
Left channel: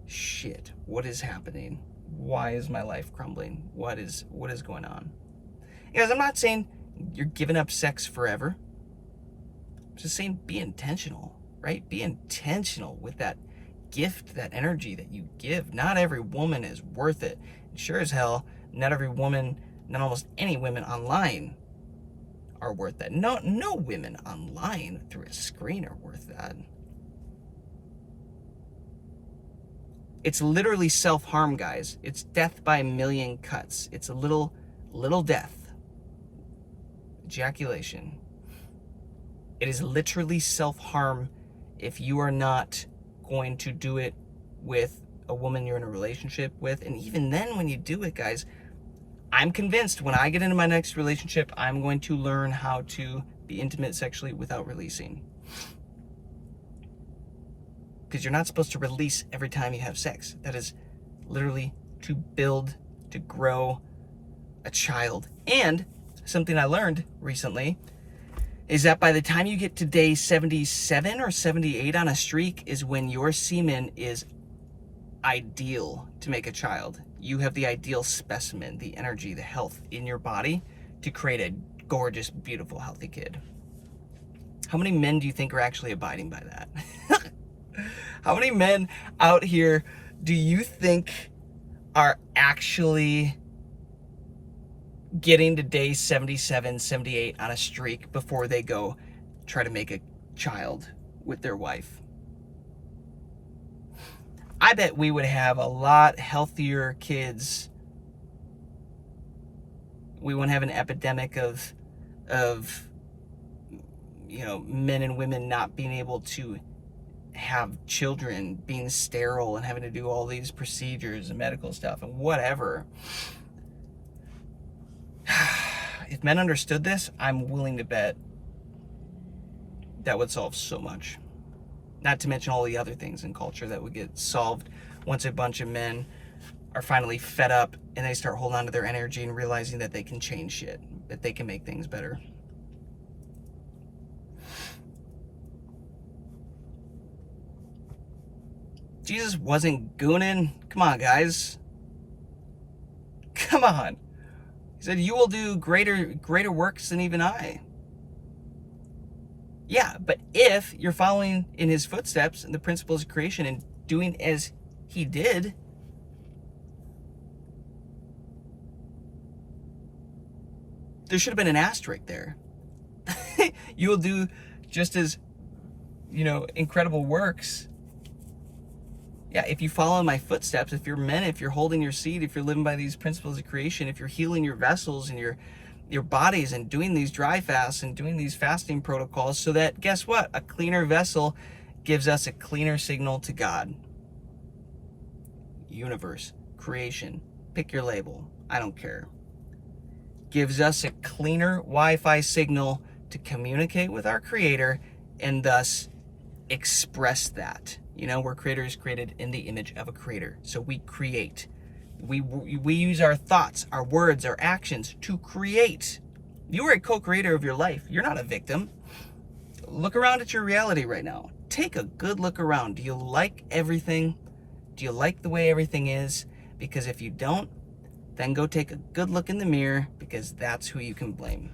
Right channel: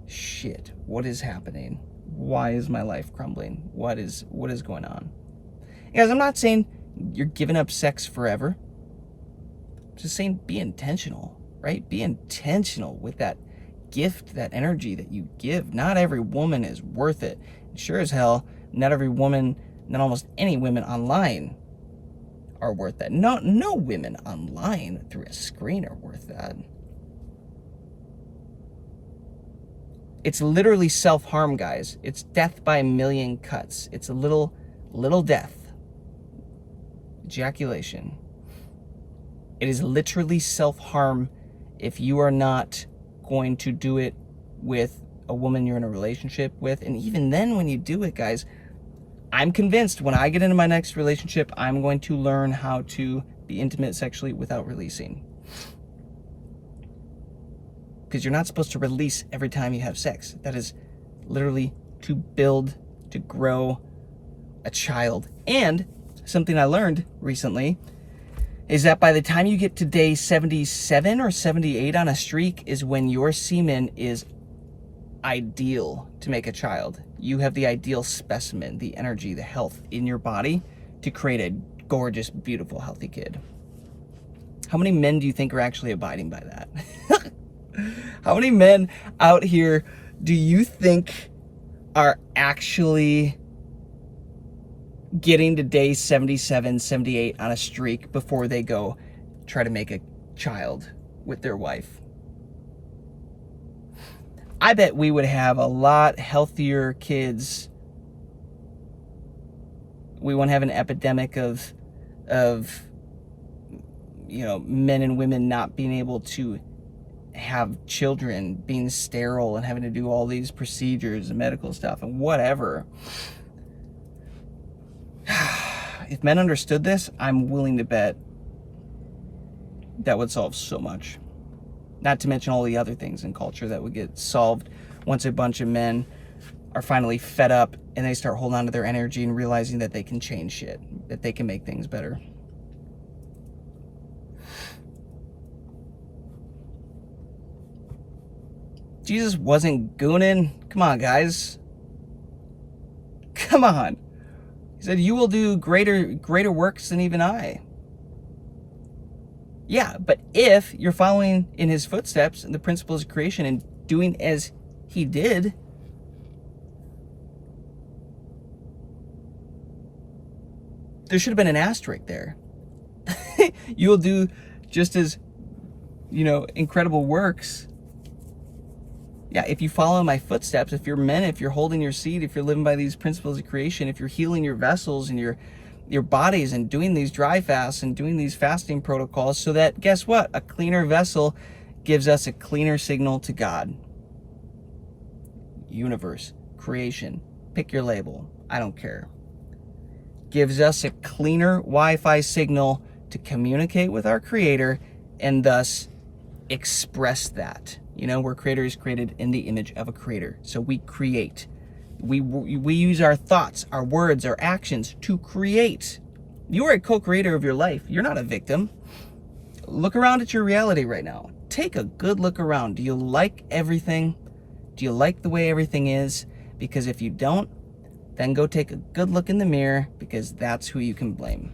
shit, what is happening? Why is my life crumbling? What is going on? Guys, I'm not saying you're giving up sex forever. I'm just saying be intentional, right? Be intentional with that gift, that energy that you give. Not every woman is worth it. Sure as hell, not every woman, not almost any women online are worth that. No women online through a screen are worth that. It's literally self-harm, guys. It's death by a million cuts. It's a little death. Ejaculation. It is literally self-harm if you are not going to do it with a woman you're in a relationship with. And even then, when you do it, guys, I'm convinced when I get into my next relationship, I'm going to learn how to be intimate sexually without releasing. Because you're not supposed to release every time you have sex. That is literally to build, to grow a child. And something I learned recently is that by the time you get to day 77 or 78 on a streak is when your semen is ideal to make a child. You have the ideal specimen, the energy, the health in your body to create a gorgeous, beautiful, healthy kid. How many men do you think are actually abiding by that? How many men out here do you think are actually getting to day 77, 78 on a streak before they go try to make a child with their wife? I bet we would have a lot healthier kids. We won't have an epidemic of you know, men and women not being able to have children, being sterile and having to do all these procedures and medical stuff and whatever. If men understood this, I'm willing to bet that would solve so much. Not to mention all the other things in culture that would get solved once a bunch of men are finally fed up and they start holding on to their energy and realizing that they can change shit, that they can make things better. Jesus wasn't gooning. Come on, guys. Come on. He said, you will do greater works than even I. Yeah, but if you're following in his footsteps and the principles of creation and doing as he did, there should have been an asterisk there. You'll do just as, you know, incredible works. Yeah, if you follow my footsteps, if you're men, if you're holding your seed, if you're living by these principles of creation, if you're healing your vessels and your bodies and doing these dry fasts and doing these fasting protocols so that, guess what? A cleaner vessel gives us a cleaner signal to God. universe, creation, pick your label, I don't care, gives us a cleaner Wi-Fi signal to communicate with our creator and thus express that. You know, we're creators created in the image of a creator. So we create. We use our thoughts, our words, our actions to create. You are a co-creator of your life. You're not a victim. Look around at your reality right now. Take a good look around. Do you like everything? Do you like the way everything is? Because if you don't, then go take a good look in the mirror, because that's who you can blame.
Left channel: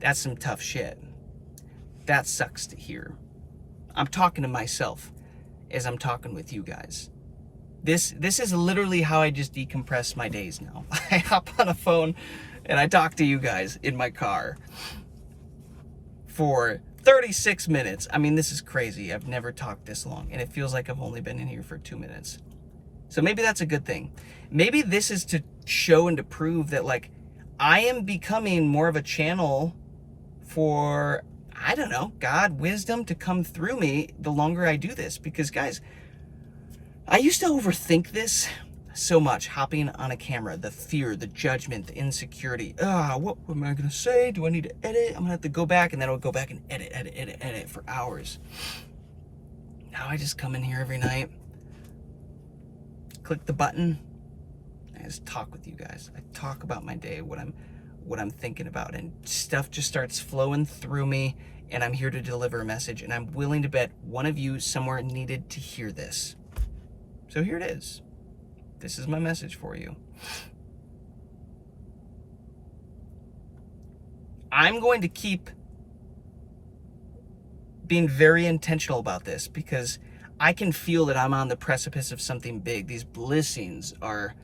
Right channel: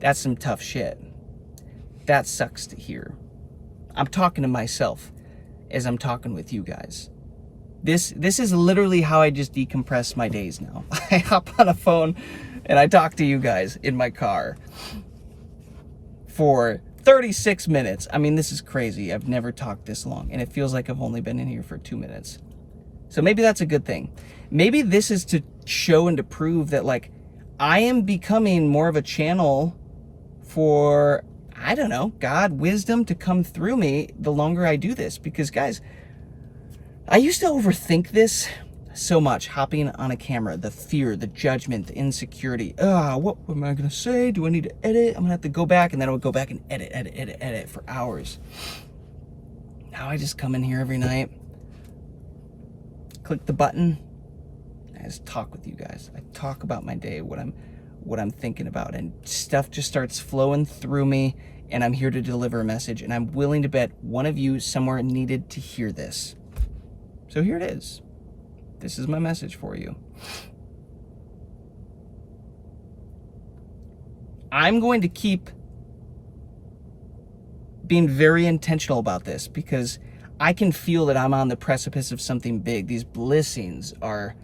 That's some tough shit. That sucks to hear. I'm talking to myself as I'm talking with you guys. This is literally how I just decompress my days now. I hop on a phone and I talk to you guys in my car for 36 minutes. I mean, this is crazy. I've never talked this long, and it feels like I've only been in here for 2 minutes. So maybe that's a good thing. Maybe this is to show and to prove that, like, I am becoming more of a channel for, I don't know, God, wisdom to come through me the longer I do this. Because, guys, I used to overthink this so much, hopping on a camera, the fear, the judgment, the insecurity. What am I going to say? Do I need to edit? I'm going to have to go back, and then I would go back and edit for hours. Now I just come in here every night, click the button, I just talk with you guys. I talk about my day, what I'm thinking about, and stuff just starts flowing through me, and I'm here to deliver a message, and I'm willing to bet one of you somewhere needed to hear this. So here it is. This is my message for you. I'm going to keep being very intentional about this, because I can feel that I'm on the precipice of something big. These blessings are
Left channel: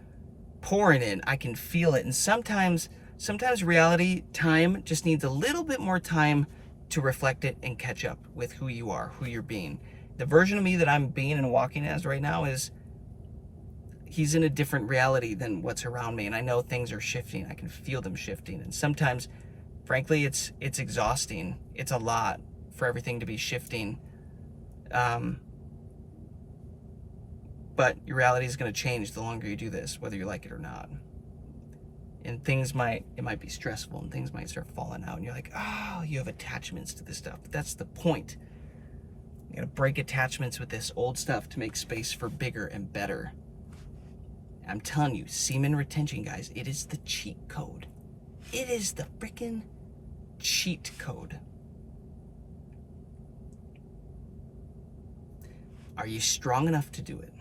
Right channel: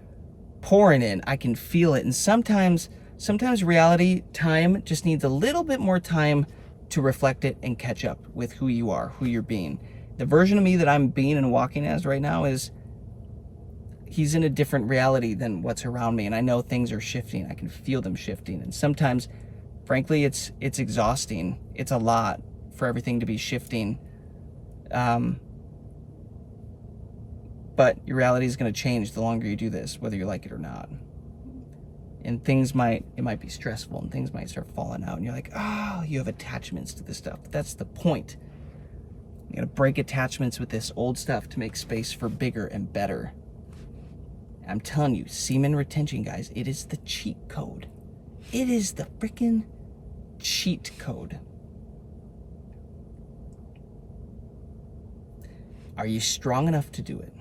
pouring in. I can feel it. And sometimes reality, time just needs a little bit more time to reflect it and catch up with who you are, who you're being. The version of me that I'm being and walking as right now is, he's in a different reality than what's around me. And I know things are shifting. I can feel them shifting. And sometimes, frankly, it's exhausting. It's a lot for everything to be shifting. But your reality is going to change the longer you do this, whether you like it or not. And it might be stressful, and things might start falling out, and you're like, oh, you have attachments to this stuff. But that's the point. You got to break attachments with this old stuff to make space for bigger and better. I'm telling you, semen retention, guys, it is the cheat code. It is the freaking cheat code. Are you strong enough to do it?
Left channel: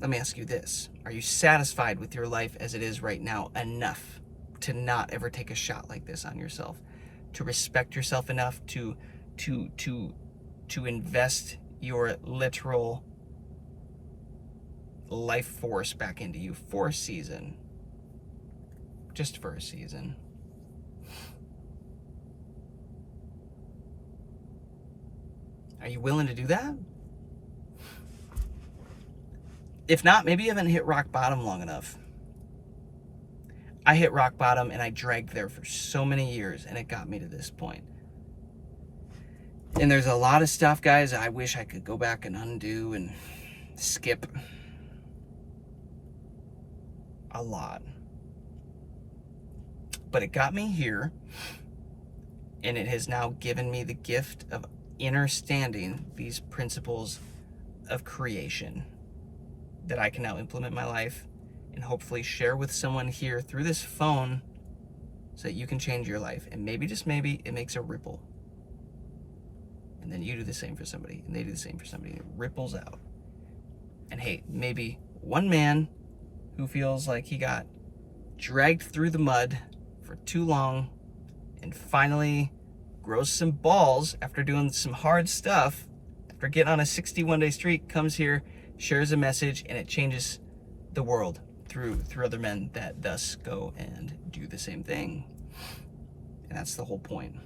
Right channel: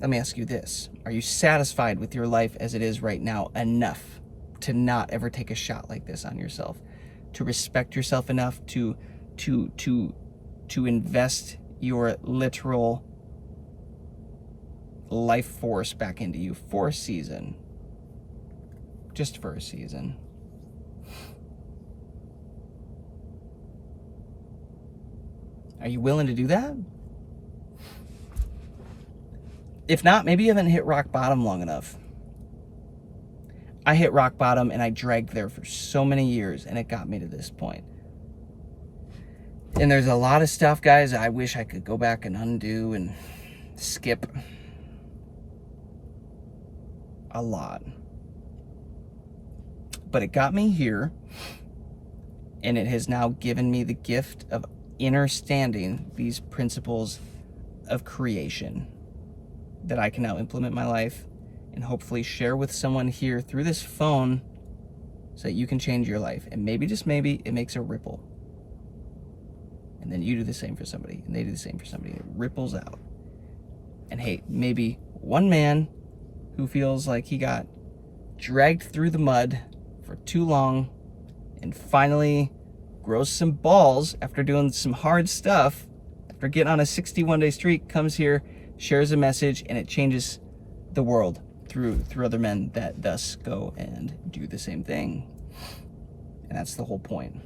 Let me ask you this. Are you satisfied with your life as it is right now enough to not ever take a shot like this on yourself? To respect yourself enough to invest your literal life force back into you for a season? Just for a season. Are you willing to do that? If not, maybe you haven't hit rock bottom long enough. I hit rock bottom and I dragged there for so many years, and it got me to this point. And there's a lot of stuff, guys, I wish I could go back and undo and skip. A lot. But it got me here, and it has now given me the gift of understanding these principles of creation that I can now implement in my life and hopefully share with someone here through this phone so that you can change your life. And maybe, just maybe, it makes a ripple. And then you do the same for somebody, and they do the same for somebody. It ripples out. And hey, maybe one man who feels like he got dragged through the mud for too long and finally grows some balls after doing some hard stuff, after getting on a 61-day streak, comes here, shares a message, and it changes the world through other men that thus go and do the same thing. And that's the whole point.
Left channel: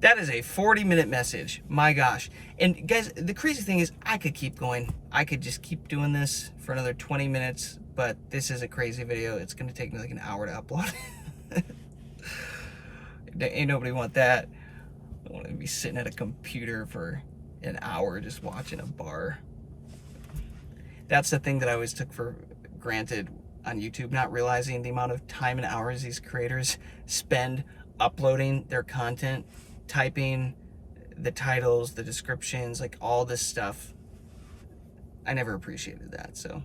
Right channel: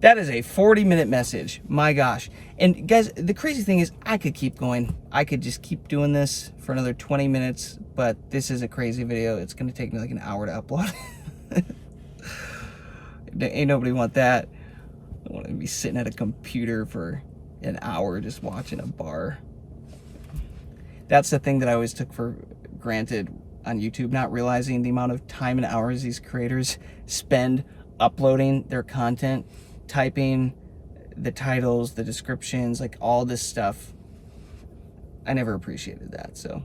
That is a 40-minute message. My gosh. And guys, the crazy thing is I could keep going. I could just keep doing this for another 20 minutes, but this is a crazy video. It's going to take me like an hour to upload. Ain't nobody want that. I want to be sitting at a computer for an hour just watching a bar. That's the thing that I always took for granted on YouTube, not realizing the amount of time and hours these creators spend uploading their content, typing the titles, the descriptions, like all this stuff. I never appreciated that, so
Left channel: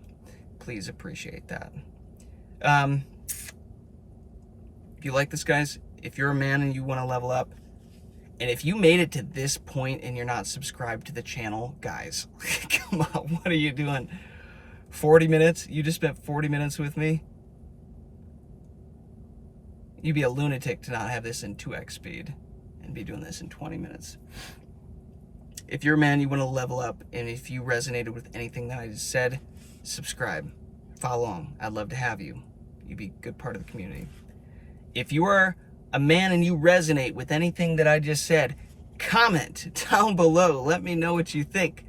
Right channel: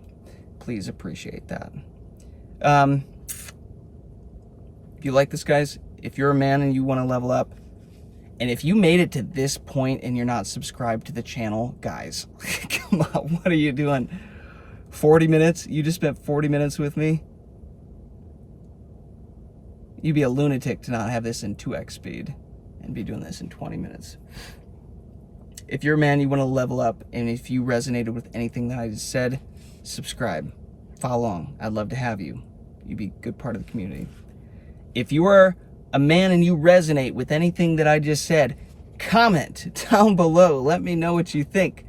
please appreciate that. If you like this, guys, if you're a man and you want to level up, and if you made it to this point and you're not subscribed to the channel, guys, come on, what are you doing? 40 minutes? You just spent 40 minutes with me? You'd be a lunatic to not have this in 2x speed and be doing this in 20 minutes. If you're a man, you want to level up, and if you resonated with anything that I just said, subscribe, follow along. I'd love to have you. You'd be a good part of the community. If you are a man and you resonate with anything that I just said, comment down below. Let me know what you think.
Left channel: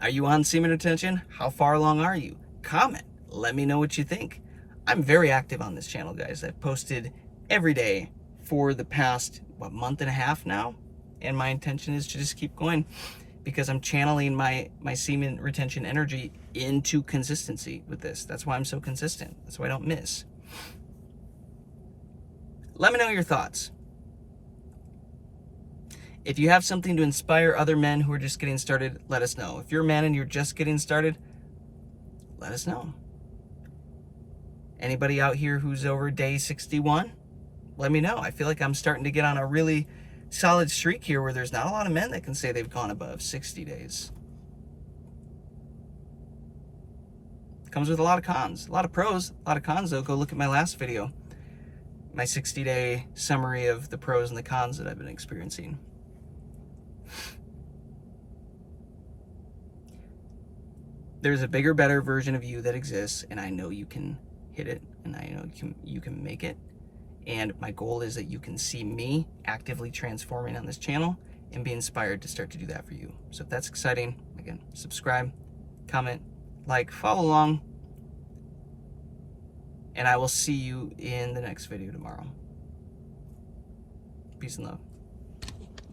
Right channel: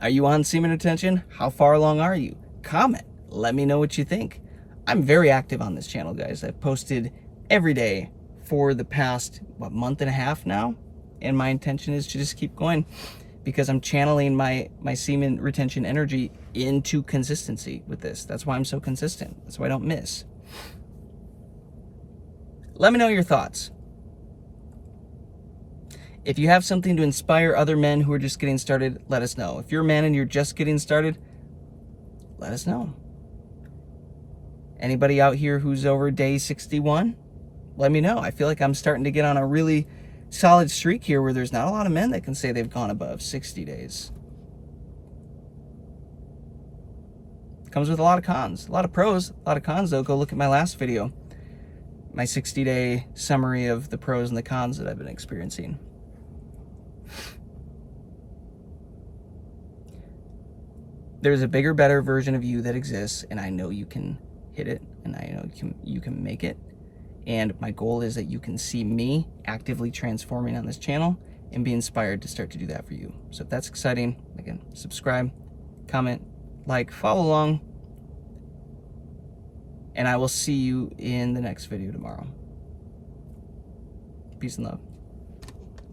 Are you on semen retention? How far along are you? Comment. Let me know what you think. I'm very active on this channel, guys. I've posted every day for the past, month and a half now? And my intention is to just keep going because I'm channeling my semen retention energy into consistency with this. That's why I'm so consistent. That's why I don't miss. Let me know your thoughts. If you have something to inspire other men who are just getting started, let us know. If you're a man and you're just getting started, let us know. Anybody out here who's over day 61, let me know. I feel like I'm starting to get on a really solid streak here where there's not a lot of men that can say they've gone above 60 days. Comes with a lot of cons, a lot of pros, a lot of cons though. Go look at my last video, my 60-day summary of the pros and the cons that I've been experiencing. There's a bigger, better version of you that exists, and I know you can hit it, and I know you can make it. And my goal is that you can see me actively transforming on this channel and be inspired to start to do that for you. So if that's exciting, again, subscribe, comment, like, follow along, and I will see you in the next video tomorrow. Peace and love.